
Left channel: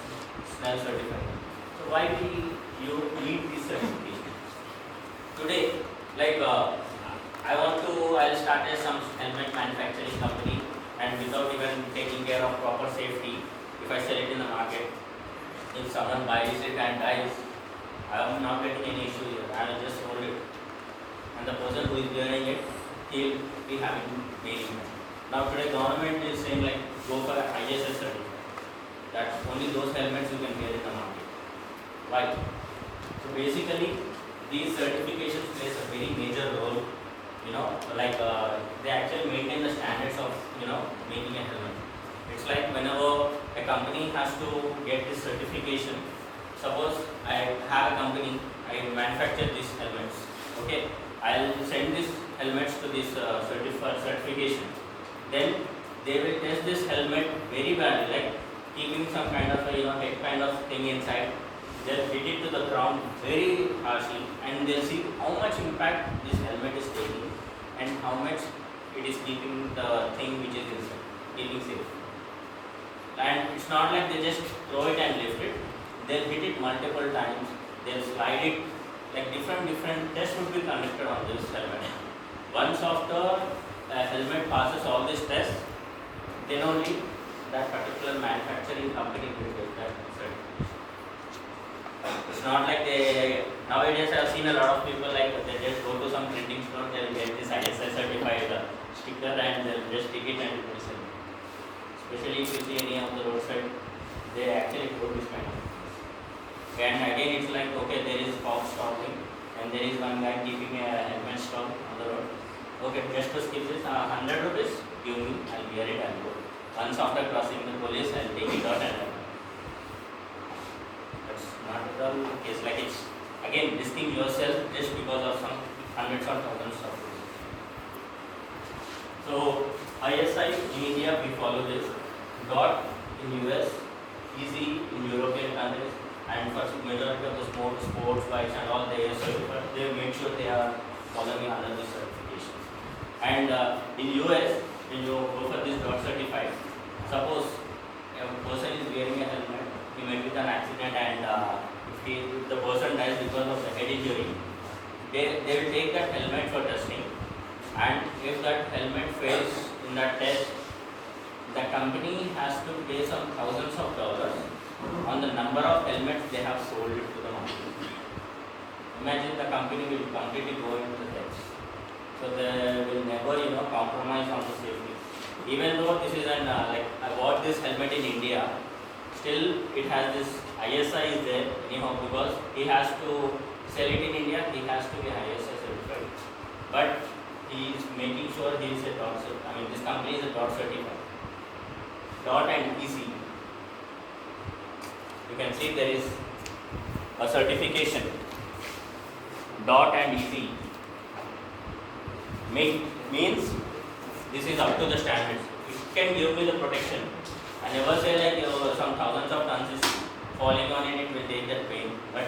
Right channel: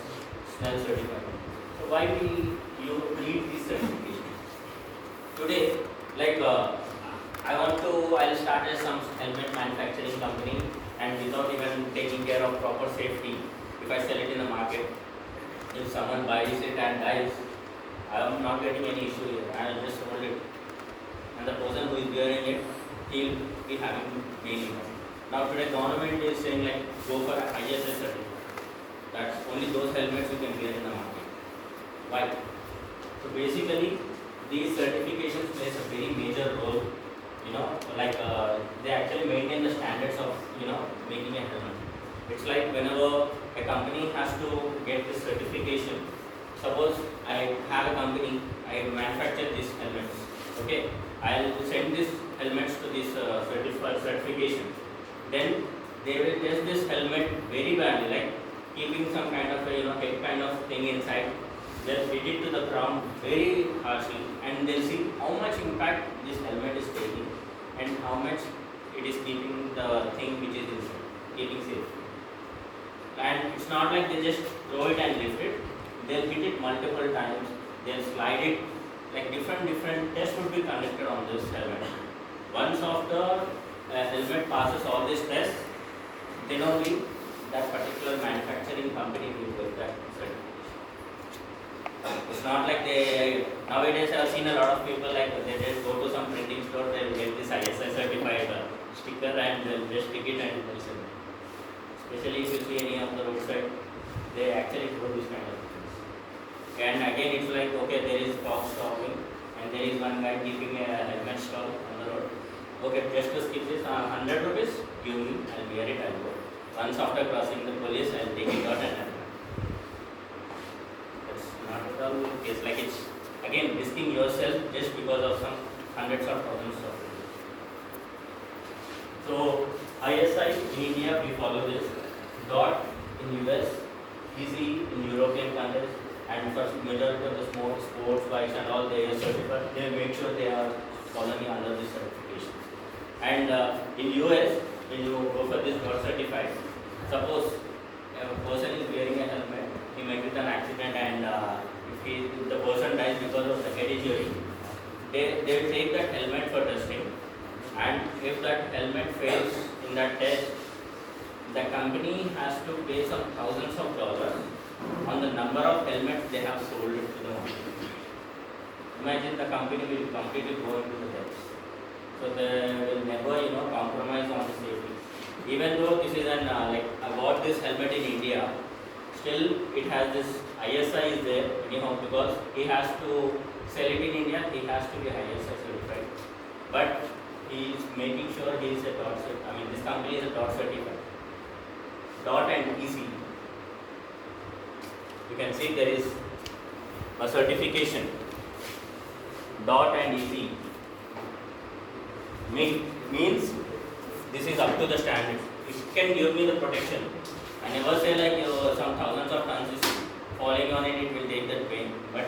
SNEL certified. So why do you need this certification? Today, like I'll start as some helmet manufacturing company, and without even taking care of proper safety, if I sell it in the market, if someone buys it and dies, I am not getting any issue here. I will just hold it. And the person who is wearing it, he will be having many money. Now today government is saying like go for ISS certificate. That's only those helmets you can get in the market. Why? So basically these certifications plays a very major role. They actually maintain the standards of making a helmet. It's like whenever a company has to get this certification. Suppose I have a company, I manufacture these helmets. Okay, I'll send these helmets to this certification. Then they will test this helmet very badly, like keeping some kind of a head kind of thing inside. They'll hit it to the ground very harshly, and they'll see how much impact this helmet is taking and how much it is keeping the thing which is inside, keeping safe. And it's not like they just throw it and lift it. They'll hit it multiple times. They'll slide it. Like different tests would be conducted on this helmet. Once after helmet passes all these tests, then only that particular manufacturing company will get that certification. It's not like nowadays I've seen a lot of people like they just go to some printing store, they'll get this ISI certified sticker and they'll just stick it and listen. Especially if you see any of the roadside, they actually put this kind of things. And again it's like, okay, there is box stopping and there is one guy keeping a helmet stall on the road. Okay, just to skip this, 100 rupees, give me, I'll wear it, I'll go. Once after crossing the police, I'll take it out and I'll go. That's not at all the case. Like it's, again, risking yourself just because of some hundreds or thousands of rupees. So, ISI in India, we follow this. DOT in US, easy in European countries, and for majority of the sports bikes and all, they make sure they are following under this certification. And in US, when you go for this DOT certified, suppose a person is wearing a helmet, he met with an accident, and if the person dies because of the head injury, they will take that helmet for testing. And if that helmet fails in that test, the company has to pay some thousands of dollars on the number of helmets they have sold it to the market. Imagine the company will completely go into the debts. So they will never, compromise on the safety. Even though this is I bought this helmet in India, still it has this ISI is there anyhow, because he has to sell it in India, he has to be ISI certified. But he is making sure he is a DOT certified. This company is a DOT certified. DOT and EC. You can see there is a certification. DOT and EC means this is up to the standards. It can give me the protection. I never say like some thousands of tons is falling on it, it will take that pain. But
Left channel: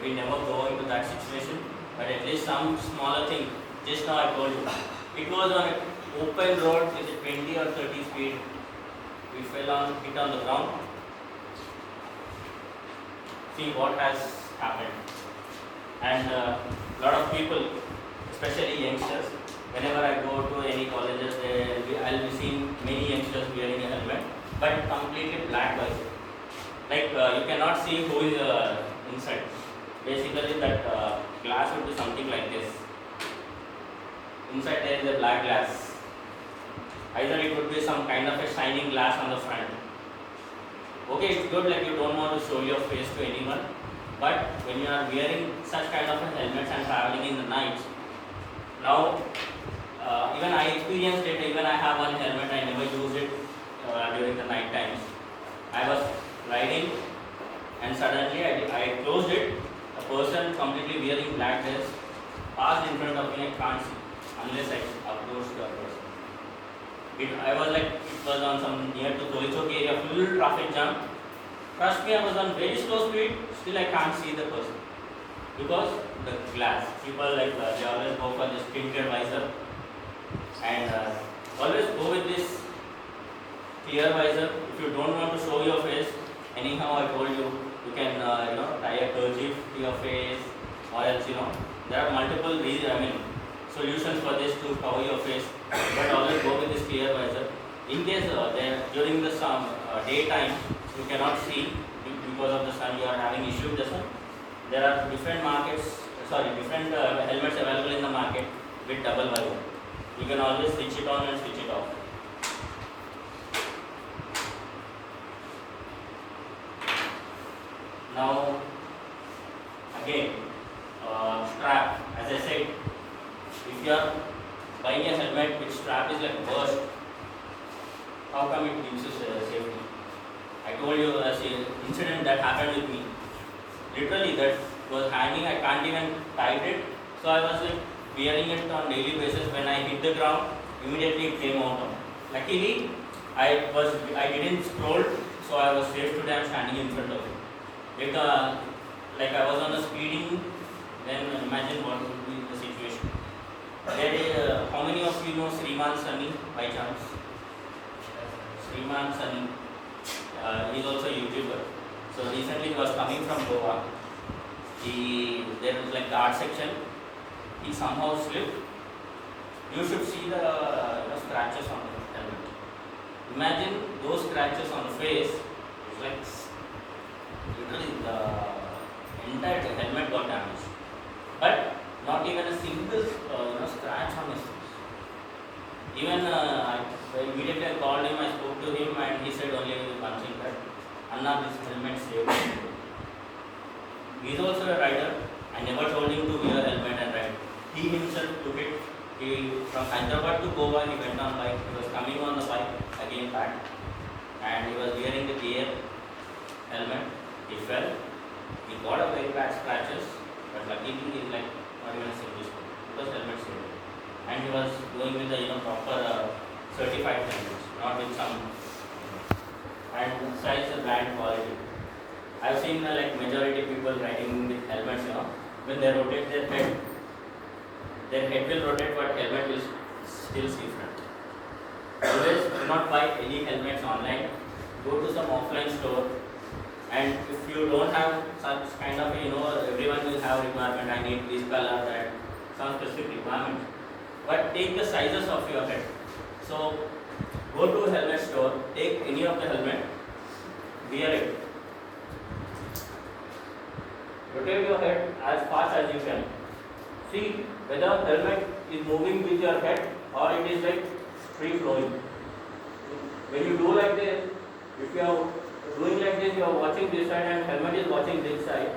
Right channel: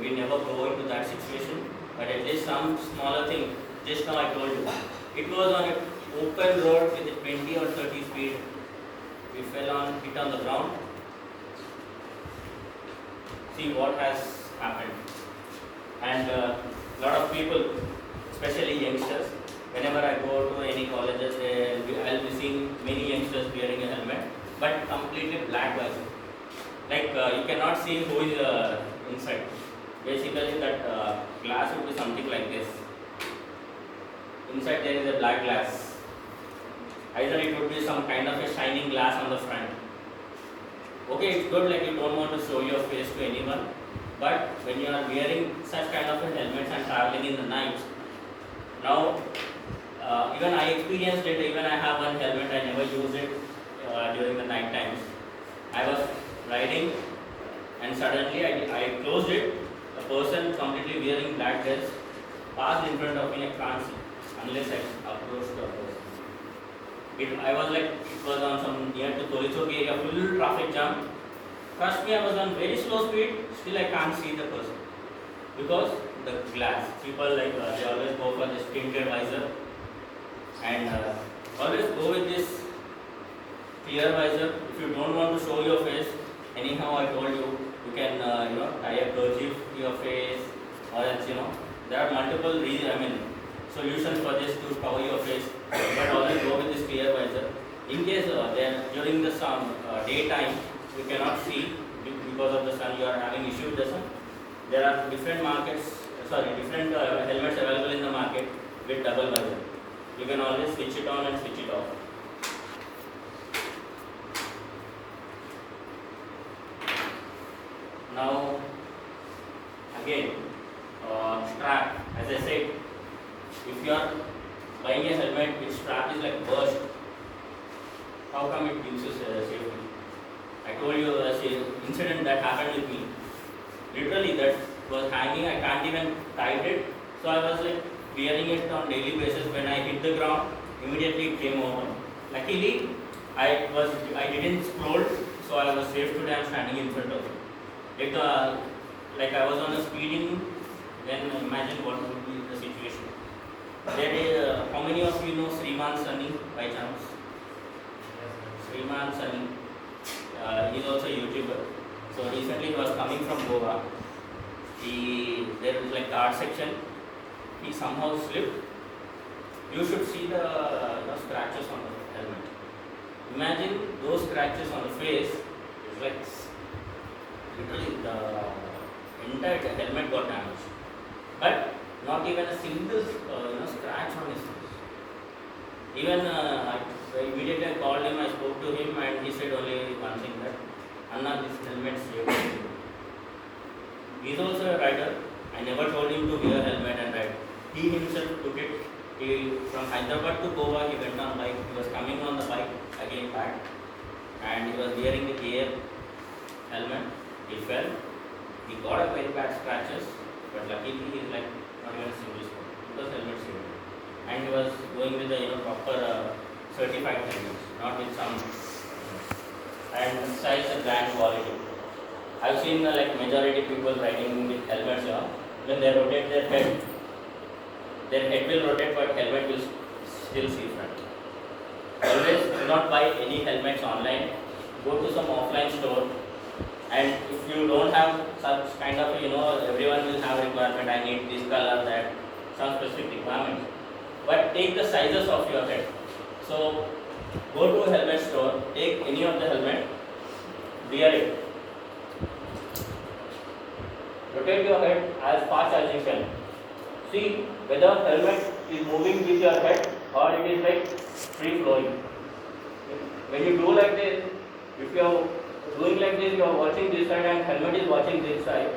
We never go into that situation, but at least some smaller thing. Just now I told you, it was on an open road with a 20 or 30 speed. We hit on the ground. See what has happened. And lot of people, especially youngsters, whenever I go to any colleges, I'll be seeing many youngsters wearing a helmet, but completely black visor. Like you cannot see who is inside. Basically, that glass would be something like this. Inside there is a black glass. Either it would be some kind of a shining glass on the front. Okay, it's good, like you don't want to show your face to anyone, but when you are wearing such kind of a helmets and traveling in the night, now even I experienced it. Even I have one helmet, I never use it during the night times. I was riding and suddenly I closed it. A person completely wearing black dress passed in front of me. I can't see unless I approach the person. I was like, it was on some near to Torichok area, full traffic jam. Trust me, I was on very slow speed, still I can't see the person. Because the glass, people like they always go for this tinted visor and always go with this clear visor. If you don't want to show your face, anyhow I told you, you can tie a kerchief to your face, or else there are multiple solutions for this to cover your face, but always go with this clear visor. In case during the daytime you cannot see because of the sun, you are having issue with the sun. There are different different helmets available in the market with double visor. You can always switch it on and switch it off. Now again, strap. As I said, if you are buying a helmet which strap is like burst, how come it gives you safety? I told you an incident that happened with me. Literally, that was hanging. I can't even tight it. So I was like wearing it on daily basis. When I hit the ground, immediately it came out. Luckily, I didn't scroll, so I was safe today. I'm standing in front of it. If like I was on a speeding, then imagine what would be the situation. There is, how many of you know Sriman Sunny by chance? Sriman Sunny. He is also a YouTuber. So recently he was coming from Goa. There is like the art section. He somehow slipped. You should see the scratches on the helmet. Imagine those scratches on the face. It's like literally the entire helmet got damaged. But not even a single scratch on his face. Even immediately I called him, I spoke to him, and he said only one thing, that Anna, this helmet saved me. He is also a rider. I never told him to wear helmet and ride. He himself took it. From Hyderabad to Goa, he went on bike. He was coming on the bike again back, and he was wearing the gear helmet. He fell. He got a very bad scratches, but luckily he is like not even a single spot because helmet saved him. And he was going with the proper certified helmets, not with some. And besides the brand quality, I've seen like majority people riding with helmets. When they rotate their head will rotate, but helmet will still see front. Always do not buy any helmets online. Go to some offline store. And if you don't have such kind of, everyone will have requirement, I need this color, that, some specific requirements. But take the sizes of your head. So, go to a helmet store, take any of the helmet, wear it. Rotate your head as fast as you can. See whether helmet is moving with your head or it is like free flowing. When you do like this, if you are doing like this, you are watching this side and helmet is watching this side,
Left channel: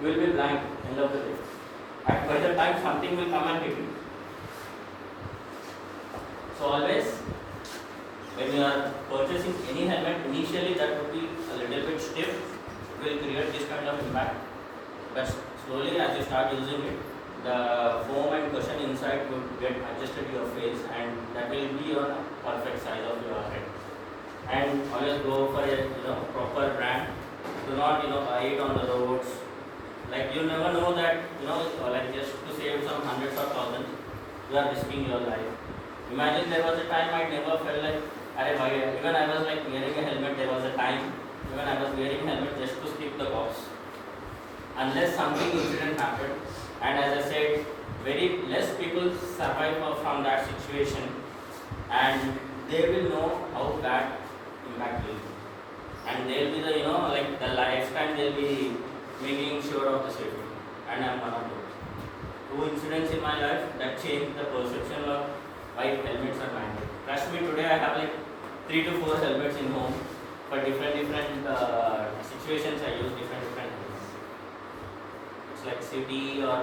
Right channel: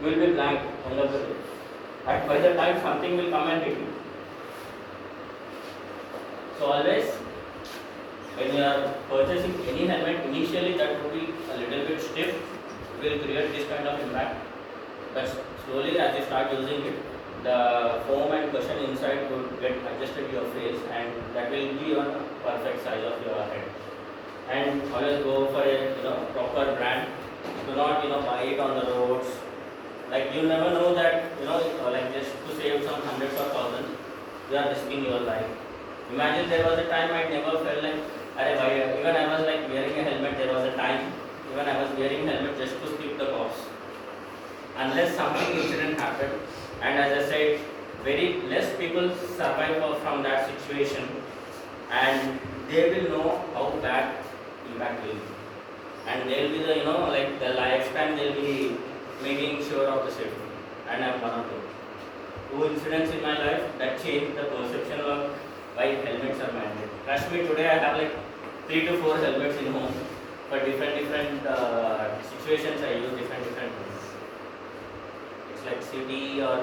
you will be blank end of the day. And by the time something will come and hit you. So always, when you are purchasing any helmet, initially that would be a little bit stiff, will create this kind of impact. But slowly as you start using it, the foam and cushion inside will get adjusted to your face, and that will be your perfect size of your head. And always go for a proper brand. Do not buy it on the roads. like you never know that, like just to save some hundreds or thousands, you are risking your life. Imagine there was a time I never felt like, even I was like wearing a helmet, there was a time, even I was wearing a helmet just to skip the cops. Unless something incident happened, and as I said, very less people survive from that situation, and they will know how bad impact will be. And they will be the, like the lifetime they'll be making sure of the safety. And I'm one of those. Two incidents in my life that changed the perception of why helmets are mandatory. Trust me, today I have like 3 to 4 helmets in home for different situations. I use different ones. It's like city or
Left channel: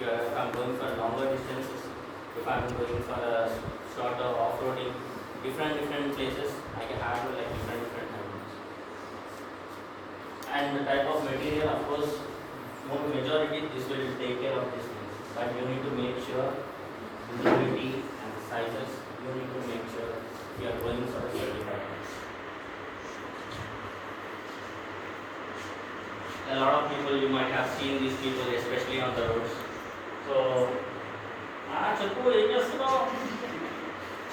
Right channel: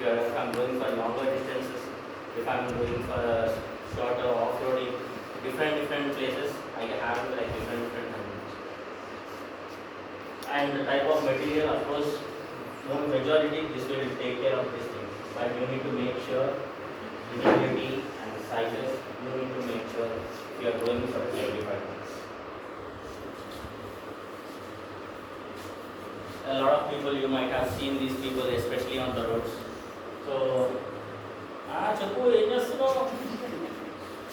if I'm going for longer distances, if I'm going for a shorter off-roading, different places, I have like different helmets. And the type of material, of course, more majority this will take care of these things. But you need to make sure visibility and the sizes, you need to make sure you are going for certified ones. A lot of people, you might have seen these people, especially on the roads. So,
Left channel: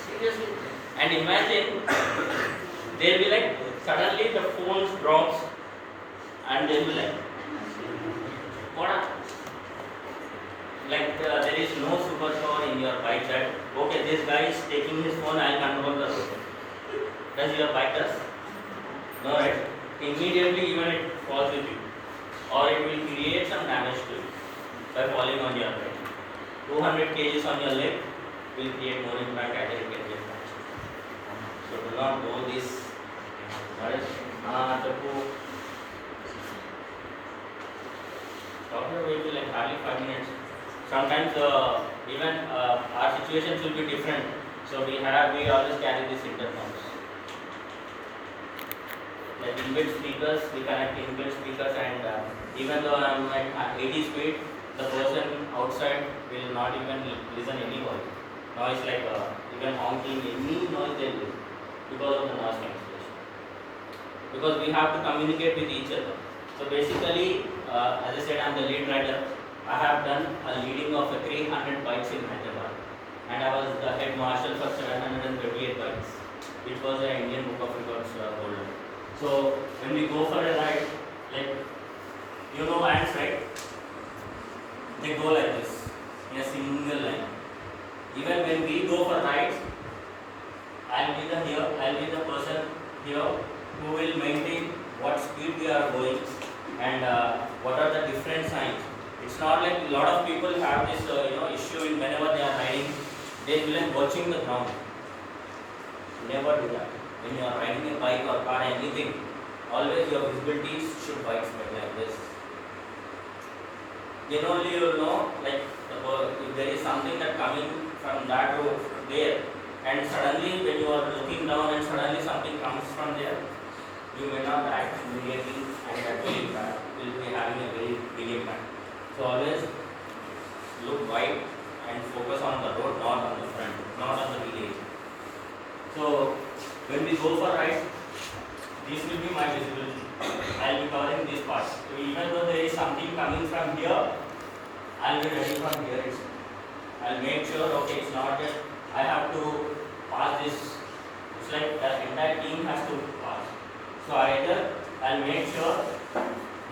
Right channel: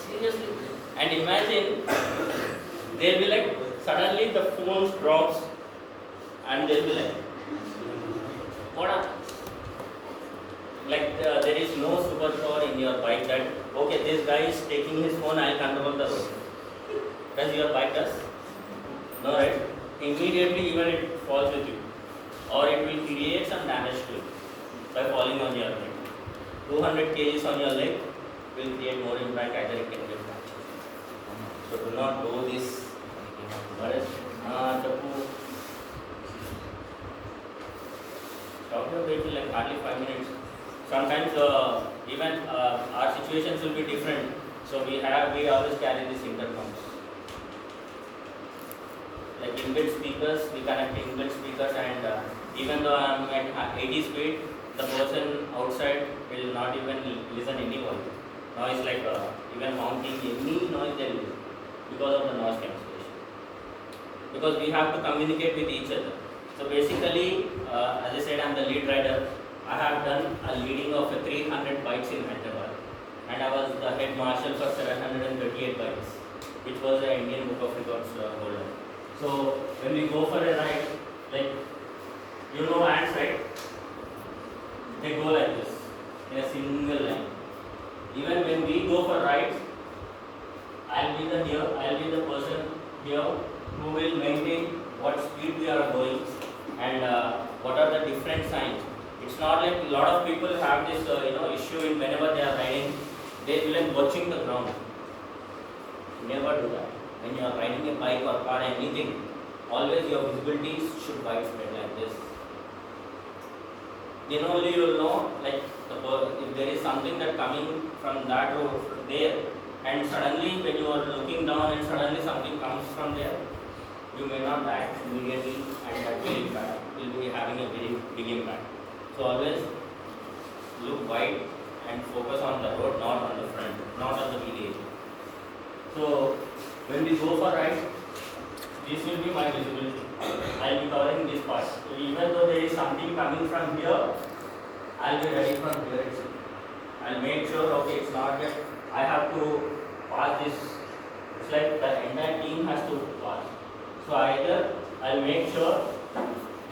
seriously. And imagine, they'll be like, suddenly the phone drops, and they'll be like, what up? Like there is no superpower in your bike that, okay, this guy is taking his phone, I'll control the road. Does your bike does? No, right? Immediately even it falls with you. Or it will create some damage to you by falling on your leg. 200 kgs on your leg will create more impact either it can get back. So do not go this. What is stop your vehicle like hardly 5 minutes. Sometimes even our situations will be different. So we always carry these intercoms. Like inbuilt speakers, we connect inbuilt speakers, and even though I am at 80 speed, the person outside will not even listen any voice. Noise like even honking, any noise they will because of the noise cancellation. Because we have to communicate with each other. So basically, as I said, I am the lead rider. I have done a leading of 300 bikes in Hyderabad, and I was the head marshal for 738 bikes, which was the Indian Book of Records holder. So when we go for a ride, like ants, right? They go like this in a single line. Even when we go for rides, I'll be the person here who will maintain what speed we are going and what are the different signs. It's not like a lot of people have this issue in whenever they are riding, they will like watching the ground. Never do that. When you are riding a bike or car, anything, always your visibility should widespread like this. Then only you will know, like if there is something that coming from that road there, and suddenly when you are looking down and suddenly something comes from there, you may not act immediately, and that will be having a very big impact. So always look wide and focus on the road, not on the front, not on the village. So when we go for rides, this will be my visibility. I will be covering this part. So even though there is something coming from here, I will be ready from here itself. I will make sure, okay, it's not that I have to pass this. It's like the entire team has to pass. So either I will make sure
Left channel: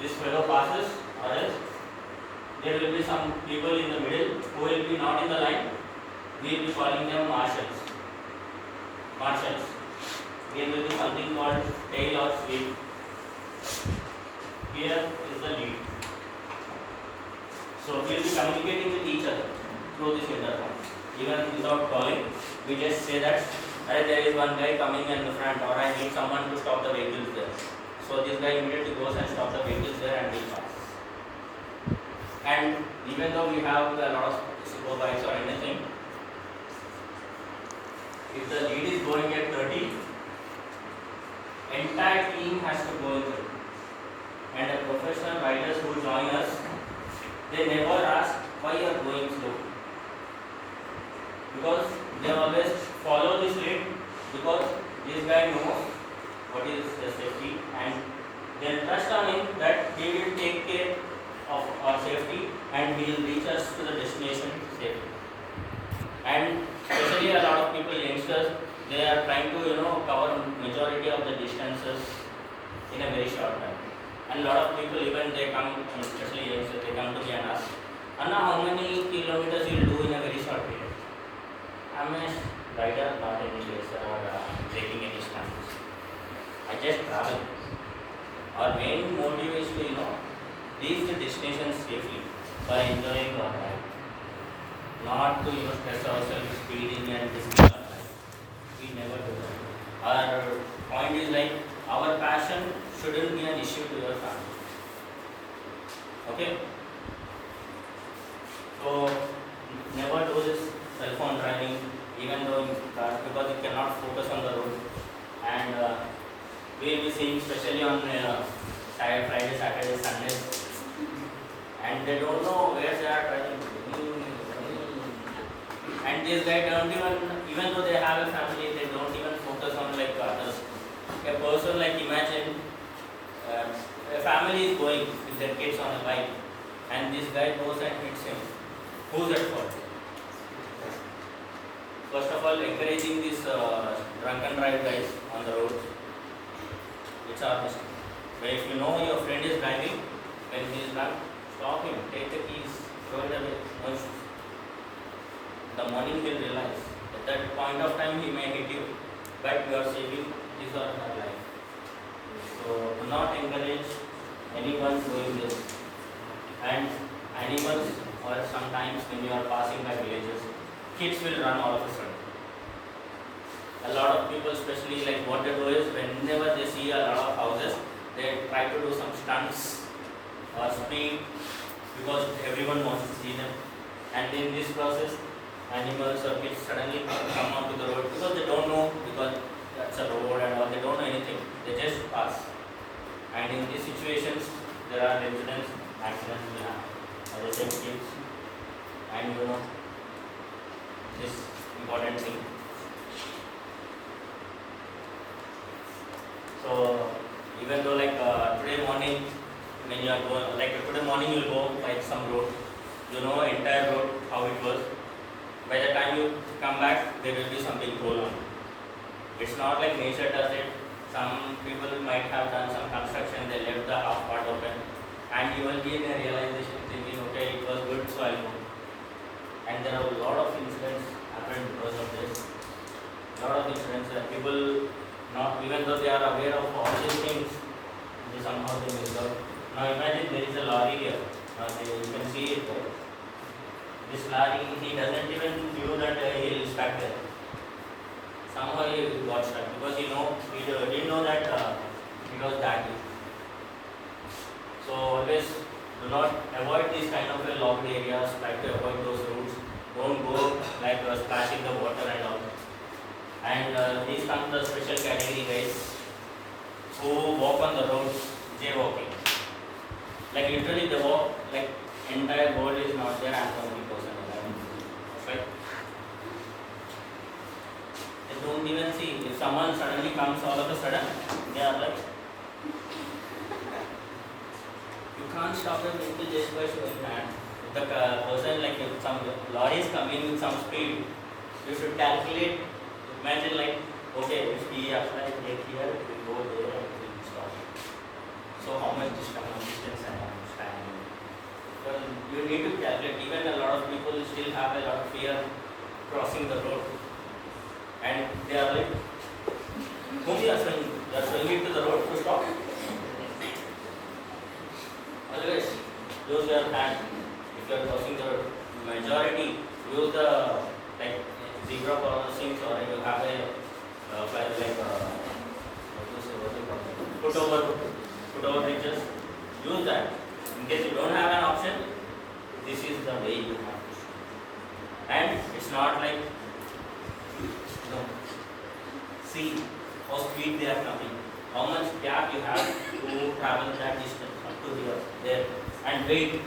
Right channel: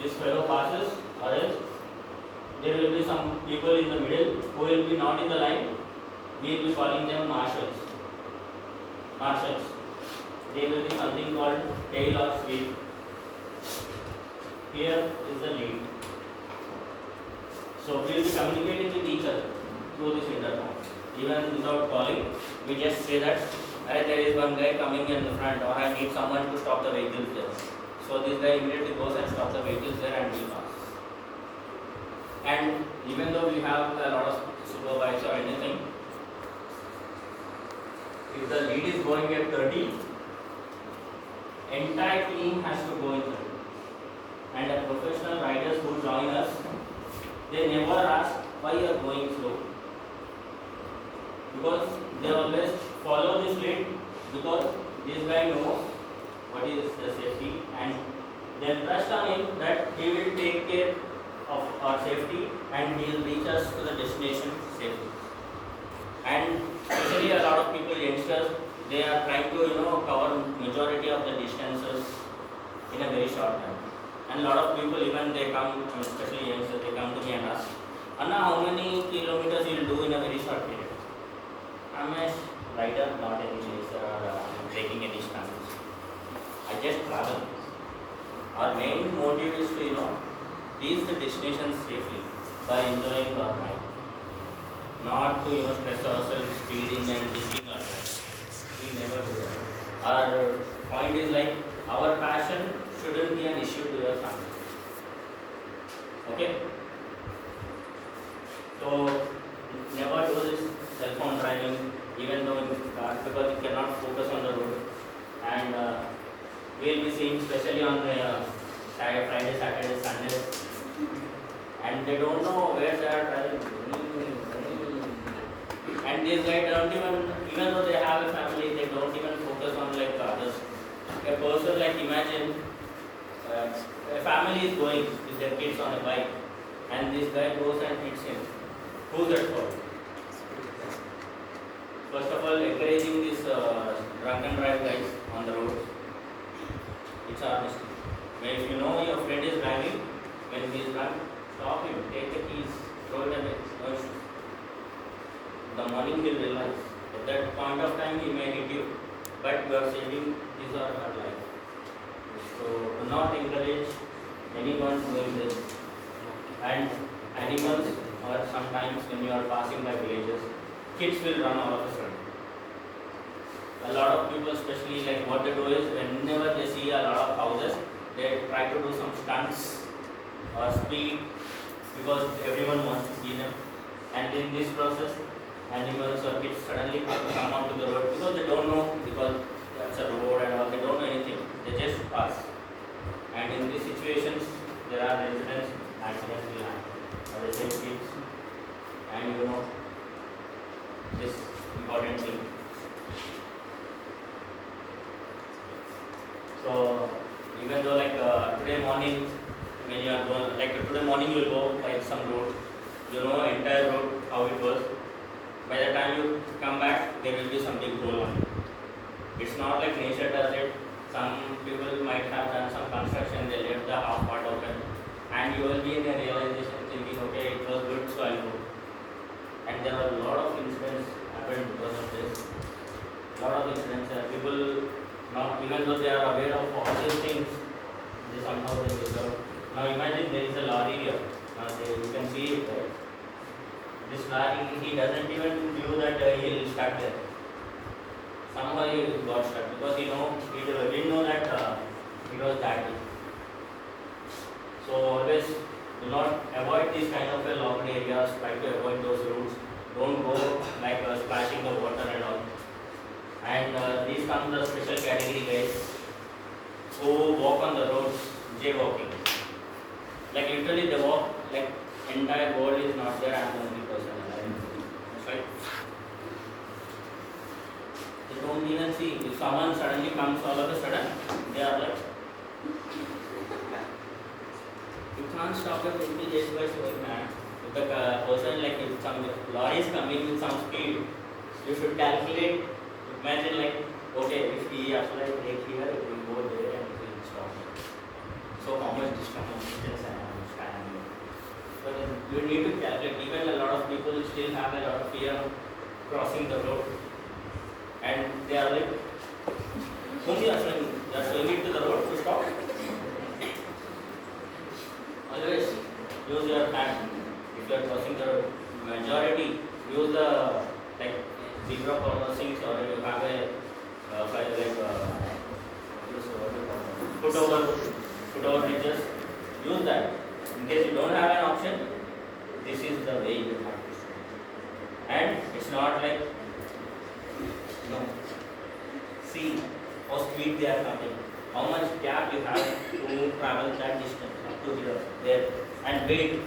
this fellow passes, or else there will be some people in the middle who will be not in the line. We will be calling them marshals. There will be something called tail or sweep. Here is the lead. So we will be communicating with each other through this intercom. Even without calling, we just say that there is one guy coming in the front, or I need someone to stop the vehicles there. So this guy immediately goes and stops the vehicles there and we pass. And even though we have a lot of super bikes or anything, if the lead is going at 30, entire team has to go in 30. And the professional riders who join us, they never ask why you are going slow. Because they always follow this lead, because this guy knows what is the safety, and they trust on him that he will take care of our safety, and he will reach us to the destination safely. And especially a lot of people, youngsters, they are trying to cover majority of the distances in a very short time. And a lot of people, even they come, especially youngsters, they come to me and ask, Anna, how many kilometers you will do in a very short period? I'm a rider, not any racer or taking any stunts. I just travel. Our main motive is to reach the destination safely by enjoying our life, not to stress ourselves speeding and risking our life. We never do that. Our point is like our passion shouldn't be an issue to your family. Okay? So never do this cell phone driving, even though in cars, because you cannot focus on the road. And we'll be seeing, especially on Friday, Saturday, Sundays, and they don't know where they are driving. And these guys don't even though they have a family, they don't even focus on like others. A person, like imagine a family is going with their kids on a bike, and this guy goes and hits him. Who's at fault? First of all, encouraging this drunk and drive guys on the road, it's our mistake. But if you know your friend is driving, when he is drunk, stop him, take the keys, throw it away, no issues. The morning he'll realize. At that point of time he may hit you, but you are saving his or her life. So do not encourage anyone doing this. And animals, or sometimes when you are passing by villages, kids will run all of a sudden. A lot of people, especially like what they do is whenever they see a lot of houses, they try to do some stunts or speed because everyone wants to see them. And in this process, animals or kids suddenly come onto the road because they don't know, because that's a road and all, they don't know anything. They just pass. And in these situations, there are accidents will happen. As I said, kids, and this important thing. So even though like today morning, when you are going, like today morning you will go by some road, entire road how it was. By the time you come back, there will be some big hole on it. It's not like nature does it. Some people might have done some construction, they left the half part open, and you will be in a realization thinking, okay, it was good, so I'll go. And there are a lot of incidents happened because of this. A lot of incidents, people not, even though they are aware of all these things, they somehow they miss out. Now imagine there is a lorry here. You can see it there. This lorry, he doesn't even knew that he will stuck there. Somehow he got stuck because he didn't know that it was that deep. So always do not avoid these kind of locked areas. Try to avoid those routes. Don't go like splashing the water and all. And these come the special category guys who walk on the roads, jaywalking. Like literally they walk like entire world is not there and only person alive. Right? They don't even see. If someone suddenly comes all of a sudden, they are like, you can't stop the vehicle just by showing hand. If the person, like if some lorry is coming with some speed, you should calculate. Imagine like, okay, if we apply brake here, it will go there and it will stop. So how much distance and how much time? So you need to calculate. Even a lot of people still have a lot of fear of crossing the road. And they are like, whom you are showing? You are showing it to the road to stop. Always use your hand. If you are crossing the road, majority use the like zebra crossings, or you have a put over bridges. Use that. In case you don't have an option, this is the way you have to show. And it's not like see how speed they are coming, how much gap you have to travel that distance up to here, there, and wait.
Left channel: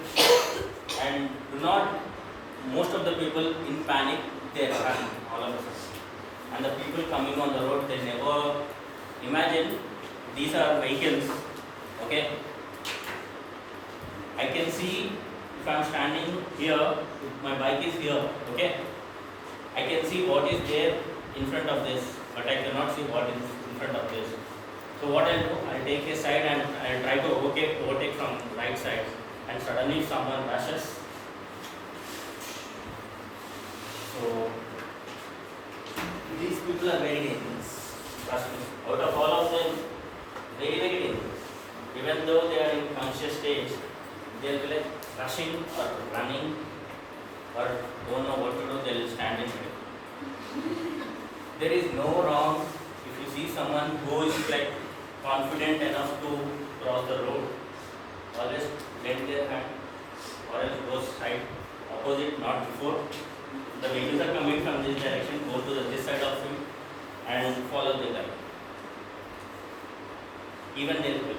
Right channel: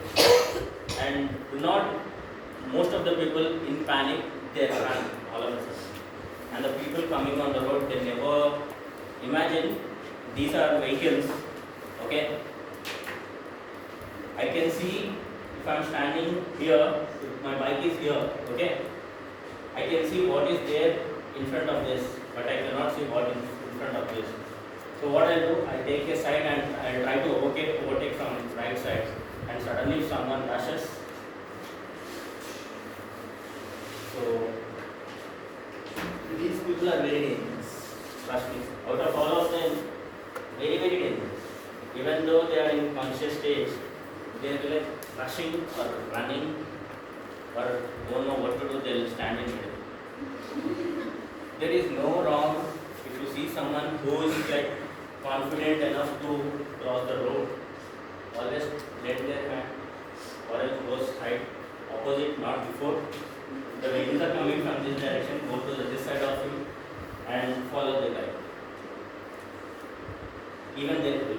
And do not, most of the people in panic, they run all of a sudden. And the people coming on the road, they never imagine these are vehicles, okay? I can see if I'm standing here, if my bike is here, okay, I can see what is there in front of this, but I cannot see what is in front of this. So what I'll do, I'll take a side and I'll try to overtake from right side, and suddenly someone rushes. So these people are very dangerous. Trust me. Out of all of them, very dangerous. Even though they are in conscious stage, they'll be like rushing or running or don't know what to do, they'll stand in middle. There is no wrong if you see someone who is like confident enough to cross the road, always lend their hand or else go side opposite, not before. The vehicles are coming from this direction, go to this side of you and follow the guy. Even they will.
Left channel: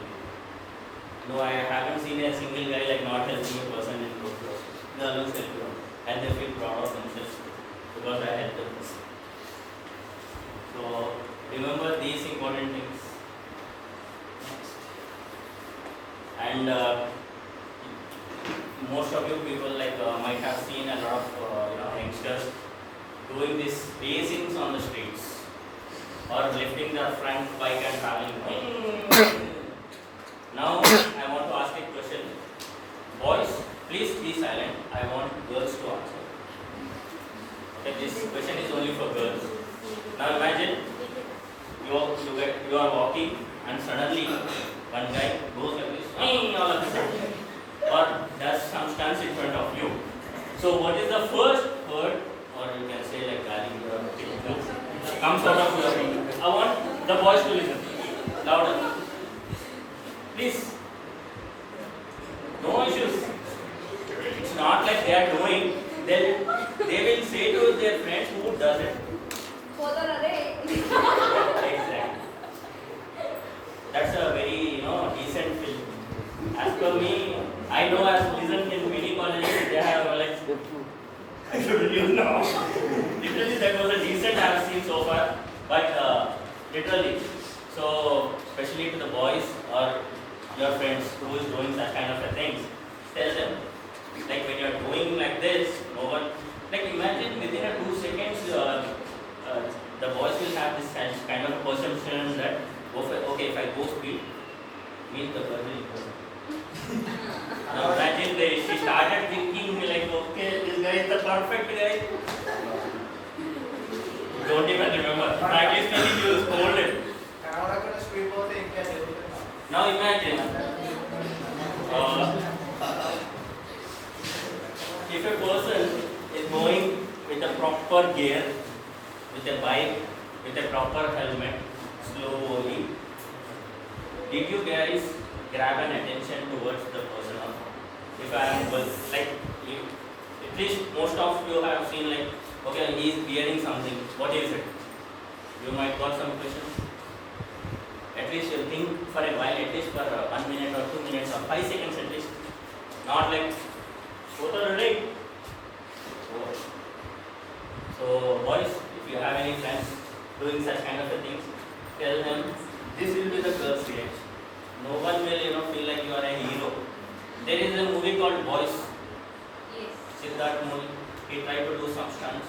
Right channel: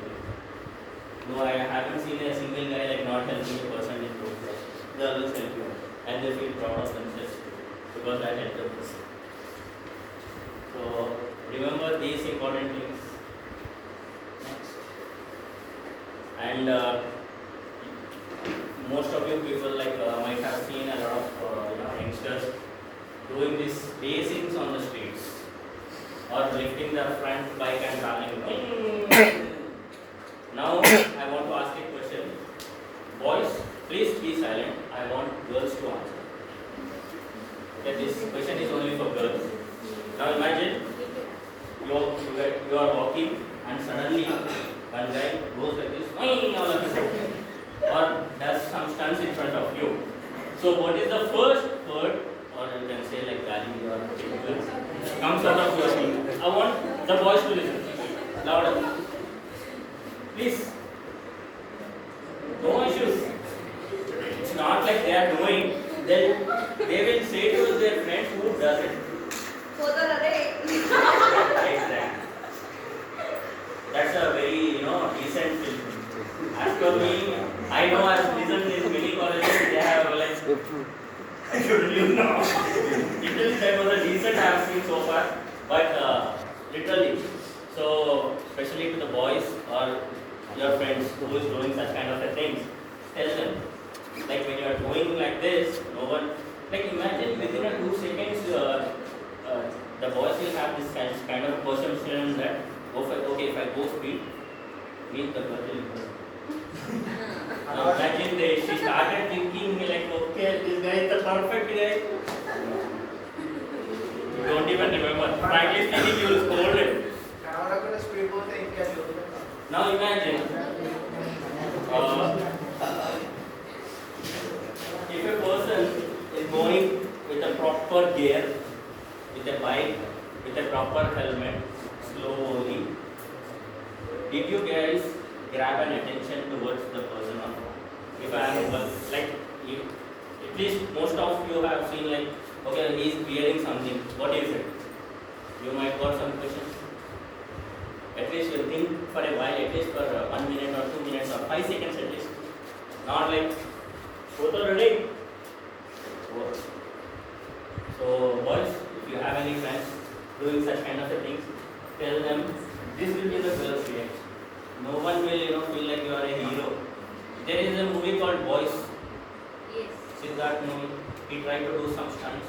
No, I haven't seen a single guy like not helping a person in road crossing. They always help you and they feel proud of themselves because I helped them. So remember these important things. And most of you people like might have seen a lot of youngsters doing these pacings on the streets or lifting their front bike and traveling. Now I want to ask a question. Boys, please be silent. I want girls to answer. Okay, this question is only for girls. Now imagine you are walking and suddenly one guy goes like this, all of a sudden, or does some stunts in front of you. So what is the first word, or you can say like gali or tickle, comes out of your mouth? I want the boys to listen louder. Please. No issues. It's not like they are doing. They will say to their friends who does it. Exactly. That's a very decent film. As per me, I know I've listened in many colleges. They have like I shouldn't you know. Literally, that was a decent I have seen so far. But literally, so especially to the boys or your friends who is doing such kind of a things, tell them. Like when you are doing like this, no one. Like imagine within a 2 seconds, the boys will have this kind of perception that okay, if I go speed, means the girl will go. Now imagine she started thinking like, okay, this guy is the perfect guy. You don't even remember. Frankly speaking, you will scold him. Now imagine, if a person is going with a proper gear, with a bike, with a proper helmet, slowly, did you guys grab an attention towards the person or not? If I am like, at least most of you have seen like, okay, he is wearing something. What is it? You might got some questions. At least you think for a while, at least for 1 minute or 2 minutes or 5 seconds at least. Not like, total ready. So boys, if you have any friends doing such kind of things, tell them this will be the girl's reaction. No one will feel like you are a hero. There is a movie called Boys. Yes. Siddharth movie. He tried to do some stunts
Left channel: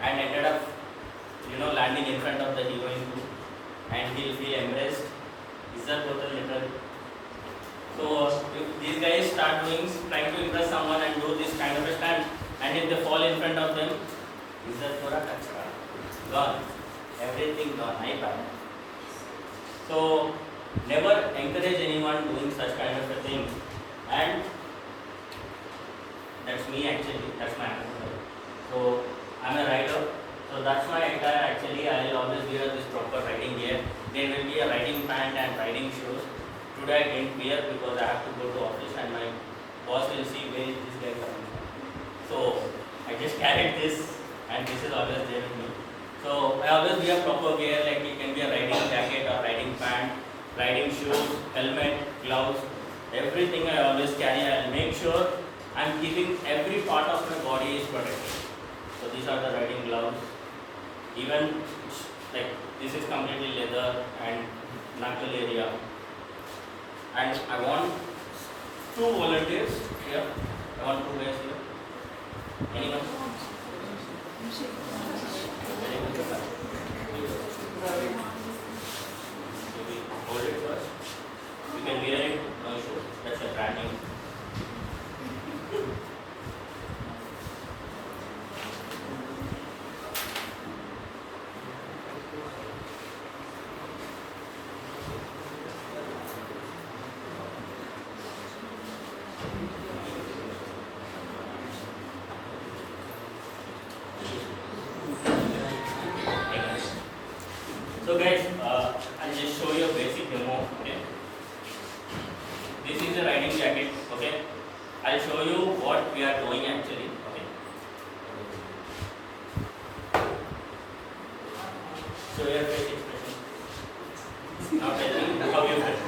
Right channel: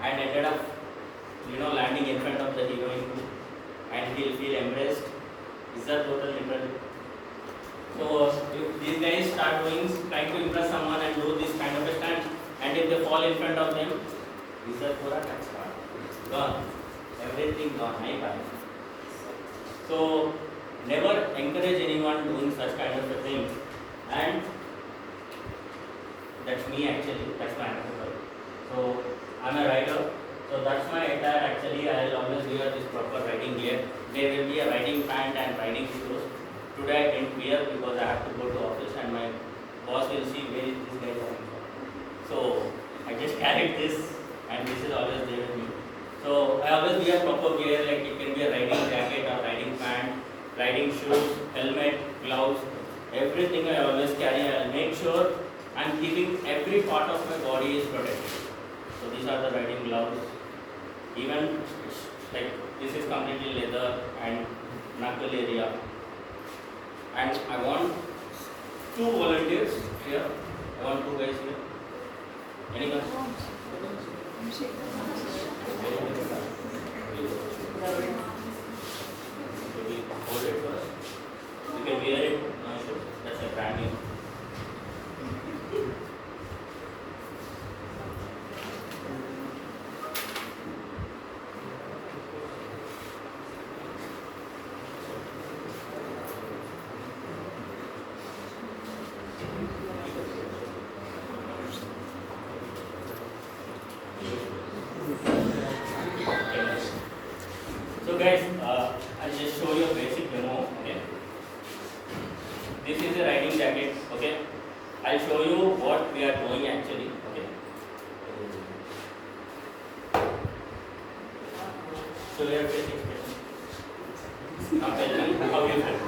and ended up landing in front of the heroine too. And he'll feel embraced. Is that total literal? So if these guys start trying to impress someone and do this kind of a stunt, and if they fall in front of them, is that pura kachra? Gone. Everything gone. iPad. So never encourage anyone doing such kind of a thing. And that's me actually. That's my answer. So I'm a rider. So that's my attire actually. I'll always wear this proper riding gear. There will be a riding pant and riding shoes. Today I didn't wear because I have to go to office and my boss will see where is this guy coming from. So I just carried this and this is always there with me. So I always wear proper gear, like it can be a riding jacket or riding pant, riding shoes, helmet, gloves, everything I always carry. I'll make sure I'm keeping every part of my body is protected. So these are the riding gloves. Even it's like this is completely leather and knuckle area. And I want two volunteers here. I want two guys here. Anyone? Hold it first. You can wear it, no issue. That's a brand new. So guys, I'll just show you a basic demo. Okay. This is a riding jacket. Okay. I'll show you what we are doing actually. Okay. So your basic expression. Now tell me how you feel.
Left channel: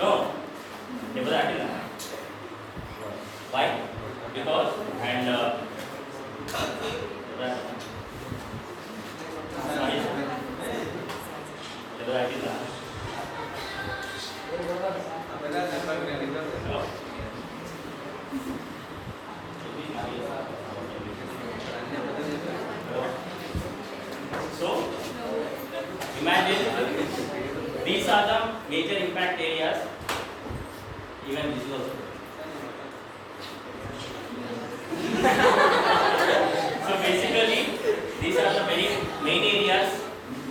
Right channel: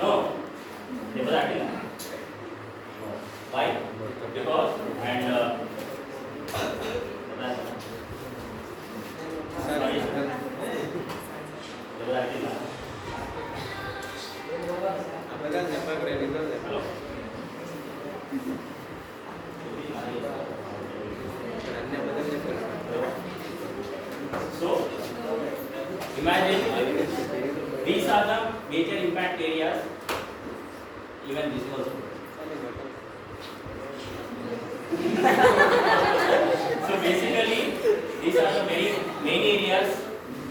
No. Why? Because and sorry. Hello. So, imagine these are the major impact areas, even visual. So basically, these are the very main areas,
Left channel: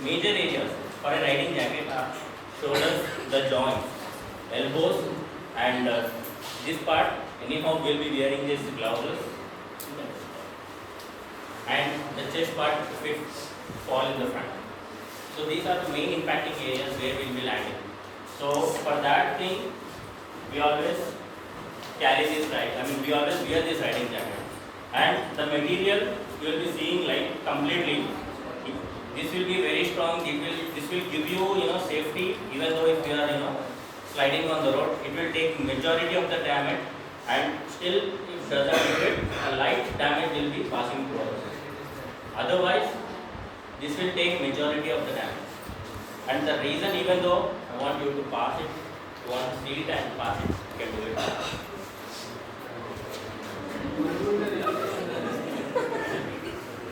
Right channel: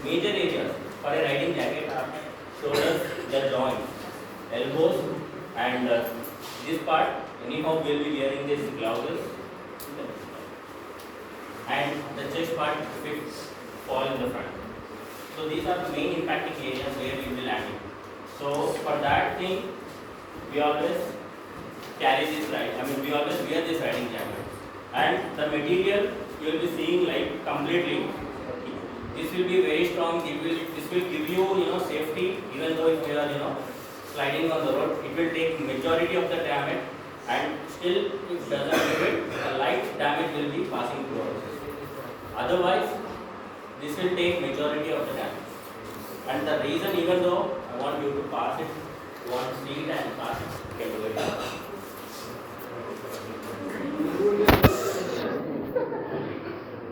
major areas for a riding jacket are shoulders, the joints, elbows, and this part. Anyhow, we'll be wearing these gloves, and the chest part will fall in the front. So these are the main impacting areas where we will be landing. So for that thing, we always carry this we always wear this riding jacket, and the material you will be seeing like completely. This will be very strong. This will give you safety, even though if you are sliding on the road, it will take majority of the damage, and still it doesn't give it, a light damage will be passing through also. Otherwise, this will take majority of the damage. And the reason, even though I want you to pass it, you want to see it and pass it, you can do it.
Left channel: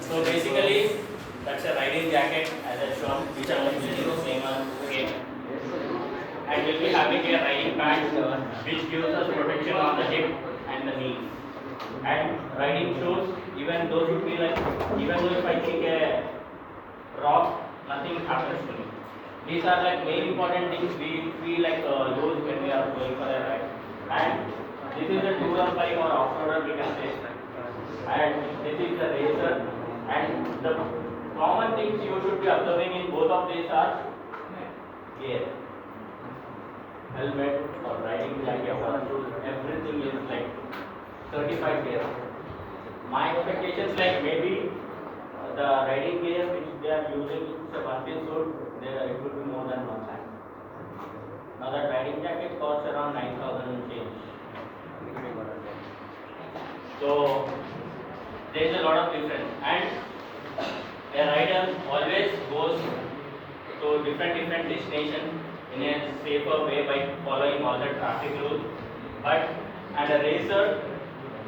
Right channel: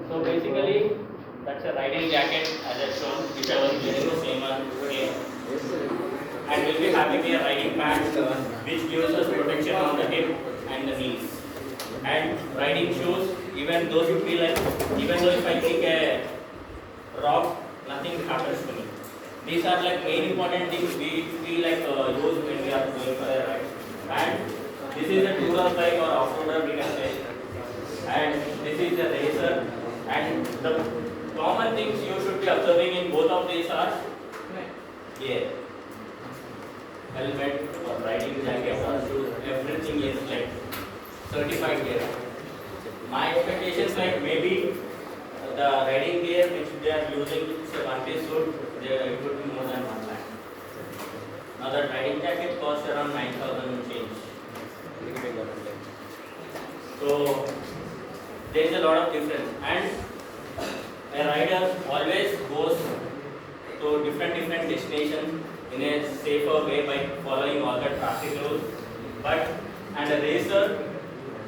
So basically, that's a riding jacket as I shown, which I was wearing the same one again. And we'll be having a riding pants which gives us protection on the hip and the knees. And riding shoes, even those would be like, even though if I kick a rock, nothing happens to me. These are like main important things we like use when we are going for a ride. And this is a tourer bike or off-roader we can say. And this is a racer. And the common things you should be observing in both of these are gear, helmet or riding jacket or shoes, everything is like certified gear. My expectations like maybe the riding gear which they are using, it's a one-piece suit, it would be more than 1 lakh. Now the riding jacket costs around 9,000 change. So there is a lot of difference, and a rider always goes to different destinations in a safer way by following all the traffic rules. And a racer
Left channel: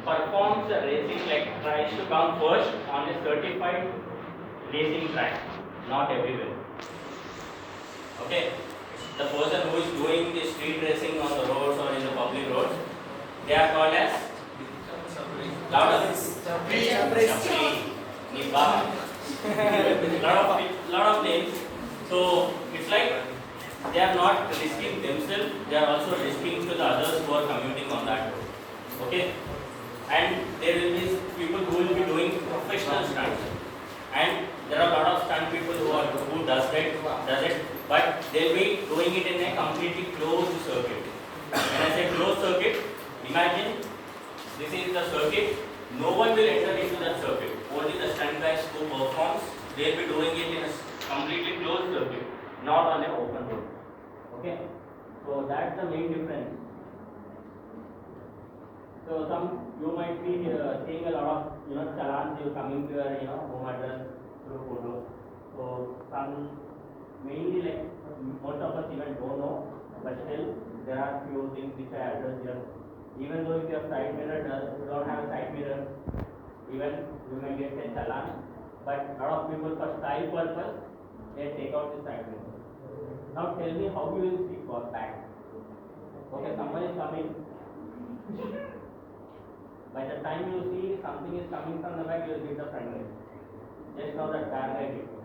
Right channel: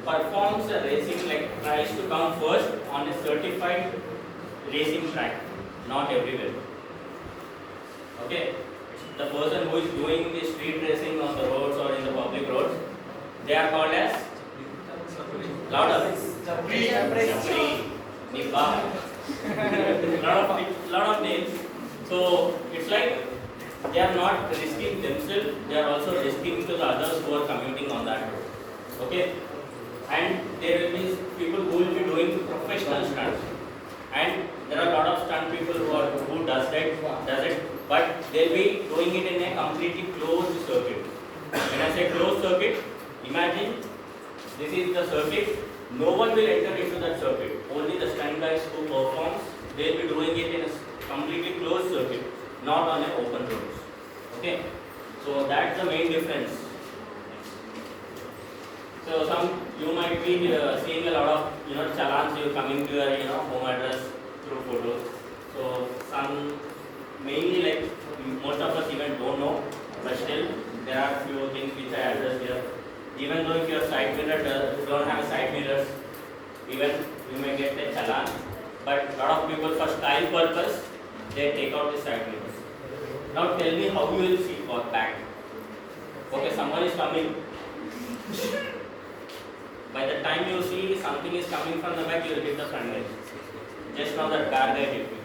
performs a racing like tries to come first on a certified racing track, not everywhere. Okay, the person who is doing the street racing on the roads or in the public roads, they are called as louder. Chapri, Niba, lot of names. So it's like they are not risking themselves; they are also risking to the others who are commuting on that road. Okay, and there will be people who will be doing professional stunts, and there are a lot of stunt people who does it, but they'll be doing it in a completely closed circuit. When I say closed circuit, imagine this is the circuit. No one will enter into that circuit. Only the stunt guys who performs, they'll be doing it in a completely closed circuit, not on an open road. Okay, so that's the main difference. So you might be seeing a lot of challans you coming to your home address through photos. So some mainly like most of us even don't know, but still there are few things which I address here. Even though if your side mirror don't have side mirrors, even you may get a challan. But lot of people for style purpose, they take out the side mirrors. Now tell me how you will see for back. Okay, someone is coming. By the time you see something is coming from the back, you will hit the front edge. Just now that car guy hit me.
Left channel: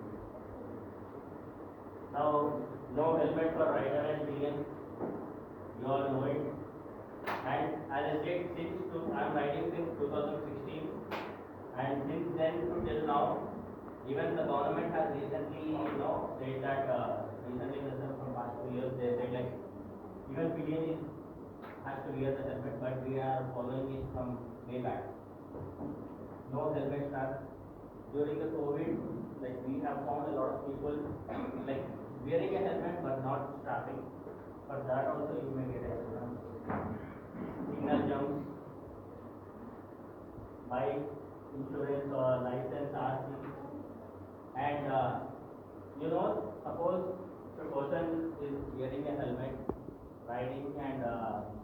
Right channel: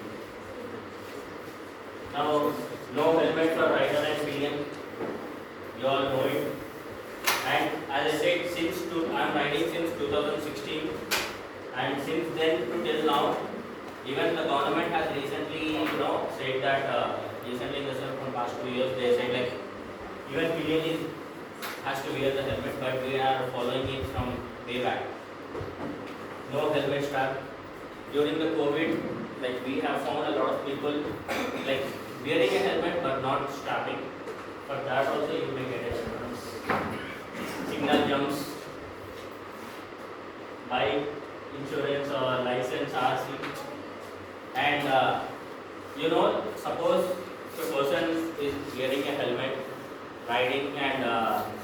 Now, no helmet for rider and pillion. You all know it. And as I said, I am riding since 2016, and since then to till now, even the government has recently, said that recently in the from past 2 years they said like even pillion has to wear the helmet, but we are following it from way back. No helmet strap. During the COVID, like we have found a lot of people like wearing a helmet but not strapping. For that also you may get insurance. Signal jumps, bike insurance or license RC, and suppose the person is wearing a helmet, riding, and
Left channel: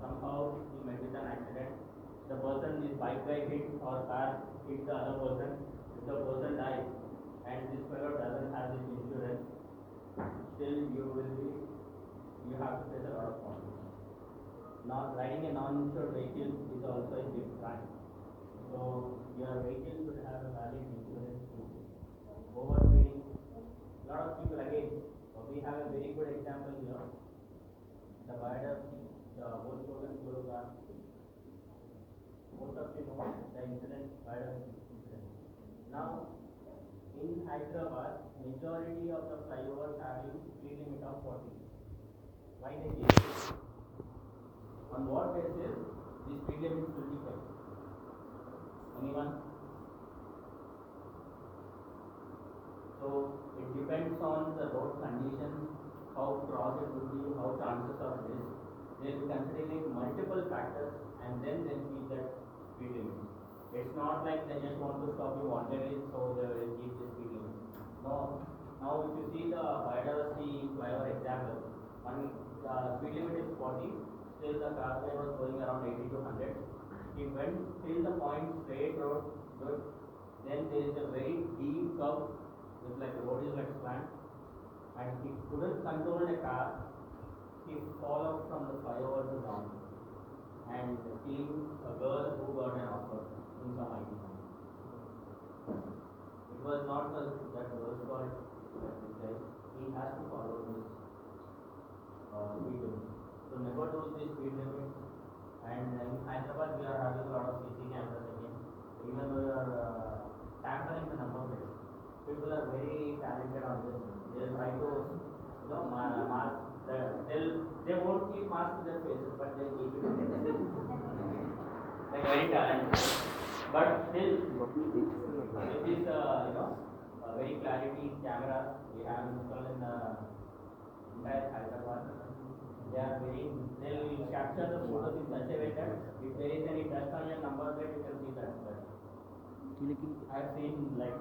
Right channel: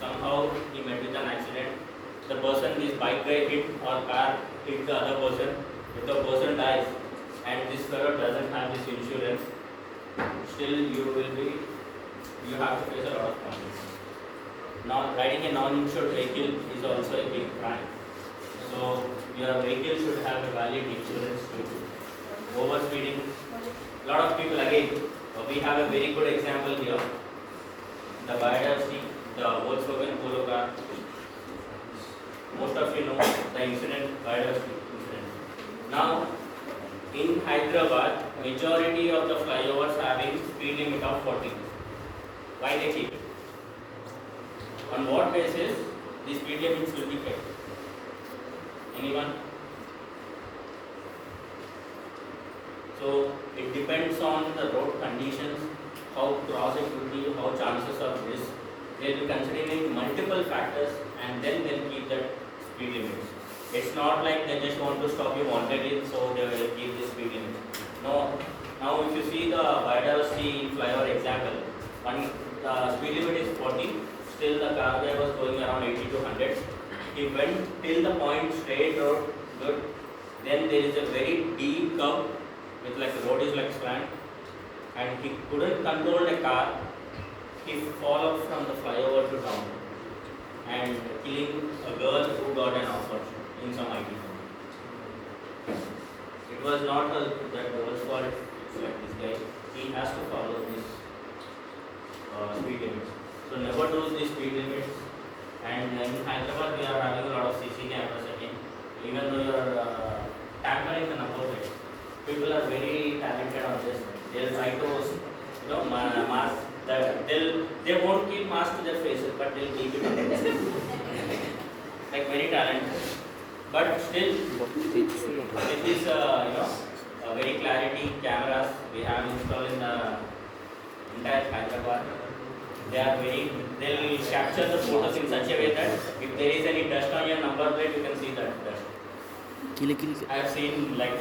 somehow he met with an accident. The person, this bike guy hit or car hit the other person. If the person dies and this fellow doesn't have this insurance, still you have to face a lot of problems. Now, riding a non-insured vehicle is also a big crime. So, your vehicle should have a valid insurance too. Overspeeding, a lot of people again, we have a very good example here. The Roda, the Volkswagen Polo car. Most of you know the incident, Roda incident. Now, in Hyderabad, majority of the flyovers having speed limit of 40. Why they keep it? On what basis the speed limits will be kept? Anyone? So it depends on the road conditions, how cross it will be, how chances of this. They will be considering multiple factors and then they'll keep that speed limits. It's not like they just want to stop you wanted, so they will keep the speed limit. No. Now if you see the Roda flyover example, the speed limit is 40. Still the car guy was going around 80 to 100. He went till the point straight road, good. Then there is a very deep curve with like the road is like slant, and he couldn't control the car. He fall off from the flyover to down and killing a girl who got an offer in some IT company. It was not that girl's fault. It's like this guy. He has to follow this speed limits. So never do the speed limits. And in Hyderabad we are having a lot of CC cameras again. Even though you are tampering the number plates, people are very talented on this. They'll try to mask. They won't keep mask to their faces, but they'll keep it on their faces. Like very talented. But still, with this very clarity cameras we have installed in the entire Hyderabad. They'll capture the photos in such a way that if there is any dust on your number plate, you can see that dust. I have seen like,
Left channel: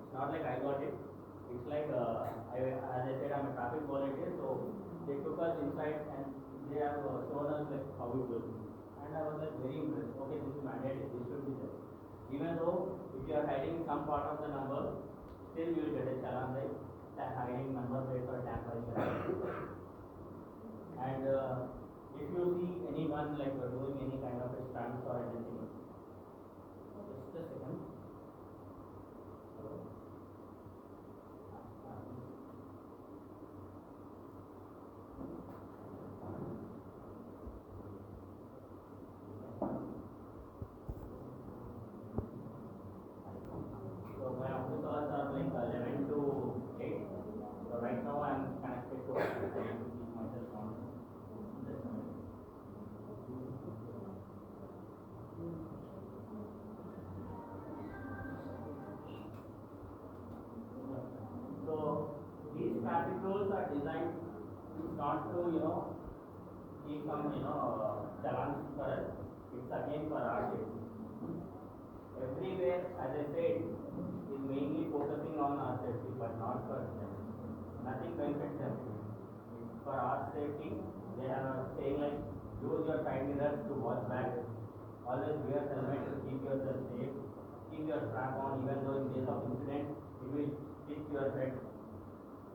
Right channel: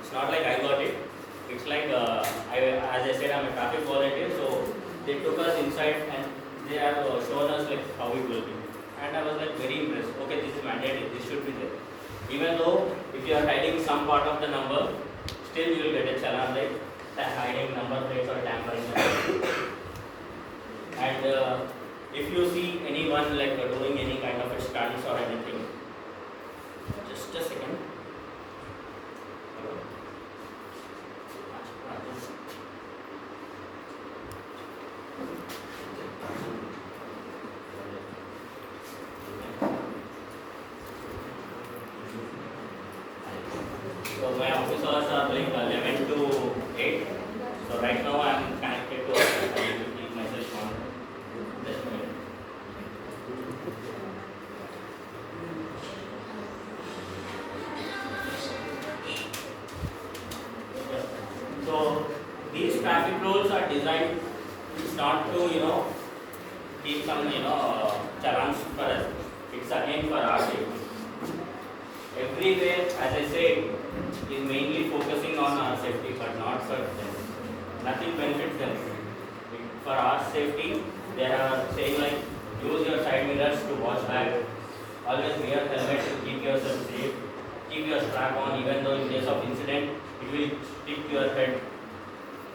it's not like I got it. It's like, as I said, I'm a traffic volunteer, so they took us inside and they have shown us like how it will be. And I was like very impressed. Okay, this is mandatory, this should be there. Even though if you are hiding some part of the number, still you will get a challan like hiding number plates or tampering the number. And if you see anyone like doing any kind of stunts or anything, just a second. So my office hours are like 11 to 8. So right now I am connected to office. I need to keep myself on. Just a minute. Yeah. So these traffic rules are designed not to keep some challenge for us. It's again for our safety. Everywhere, as I said, is mainly focusing on our safety, but not for them. Nothing benefits them. For our safety, they are saying like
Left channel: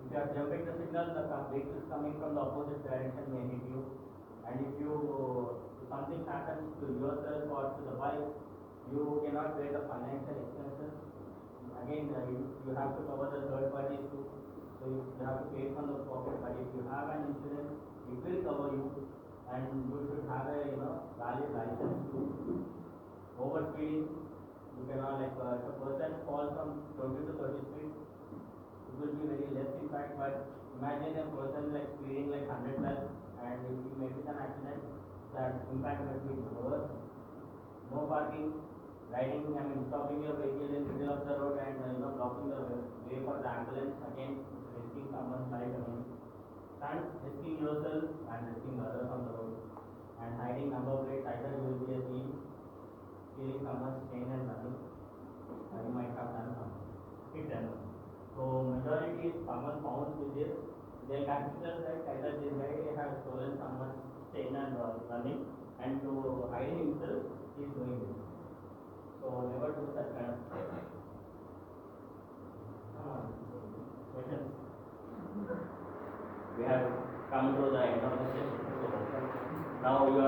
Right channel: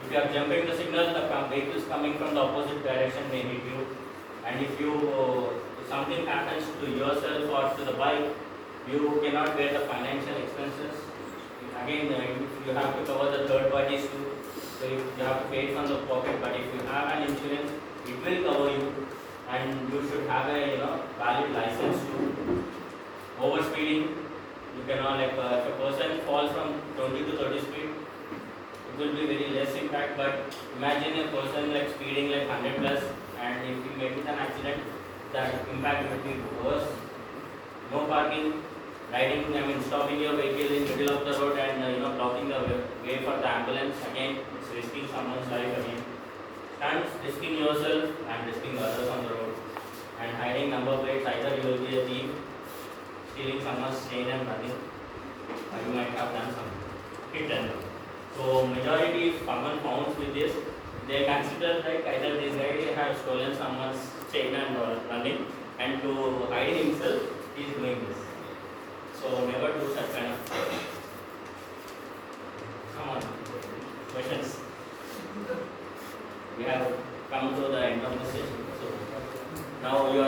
If you are jumping the signal, the vehicles coming from the opposite direction may hit you. And if something happens to yourself or to the bike, you cannot bear the financial expenses. Again, if you have to cover the third parties too, so you have to pay from the pocket. But if you have an insurance, it will cover you, and you should have a valid license too. Overspeeding, you cannot if a person falls from 20 to 30 speed, it will be very less impact. But imagine a person like speeding like 100 plus, and if you get with an accident, that impact will be worse. No parking, stopping your vehicle in middle of the road and blocking the way for the ambulance. Again, it's risking someone's life again. Stunts, risking yourself and risking others on the road. And hiding number plates, either you will be a thief, stealing someone's chain and running, or you might have done some hit and run. So majority, if someone found with this, they consider like either this guy has stolen someone's chain and running, and to hide himself, he is doing this. So never do such kind of. Come on, questions. We have come to the end of the session. So now you are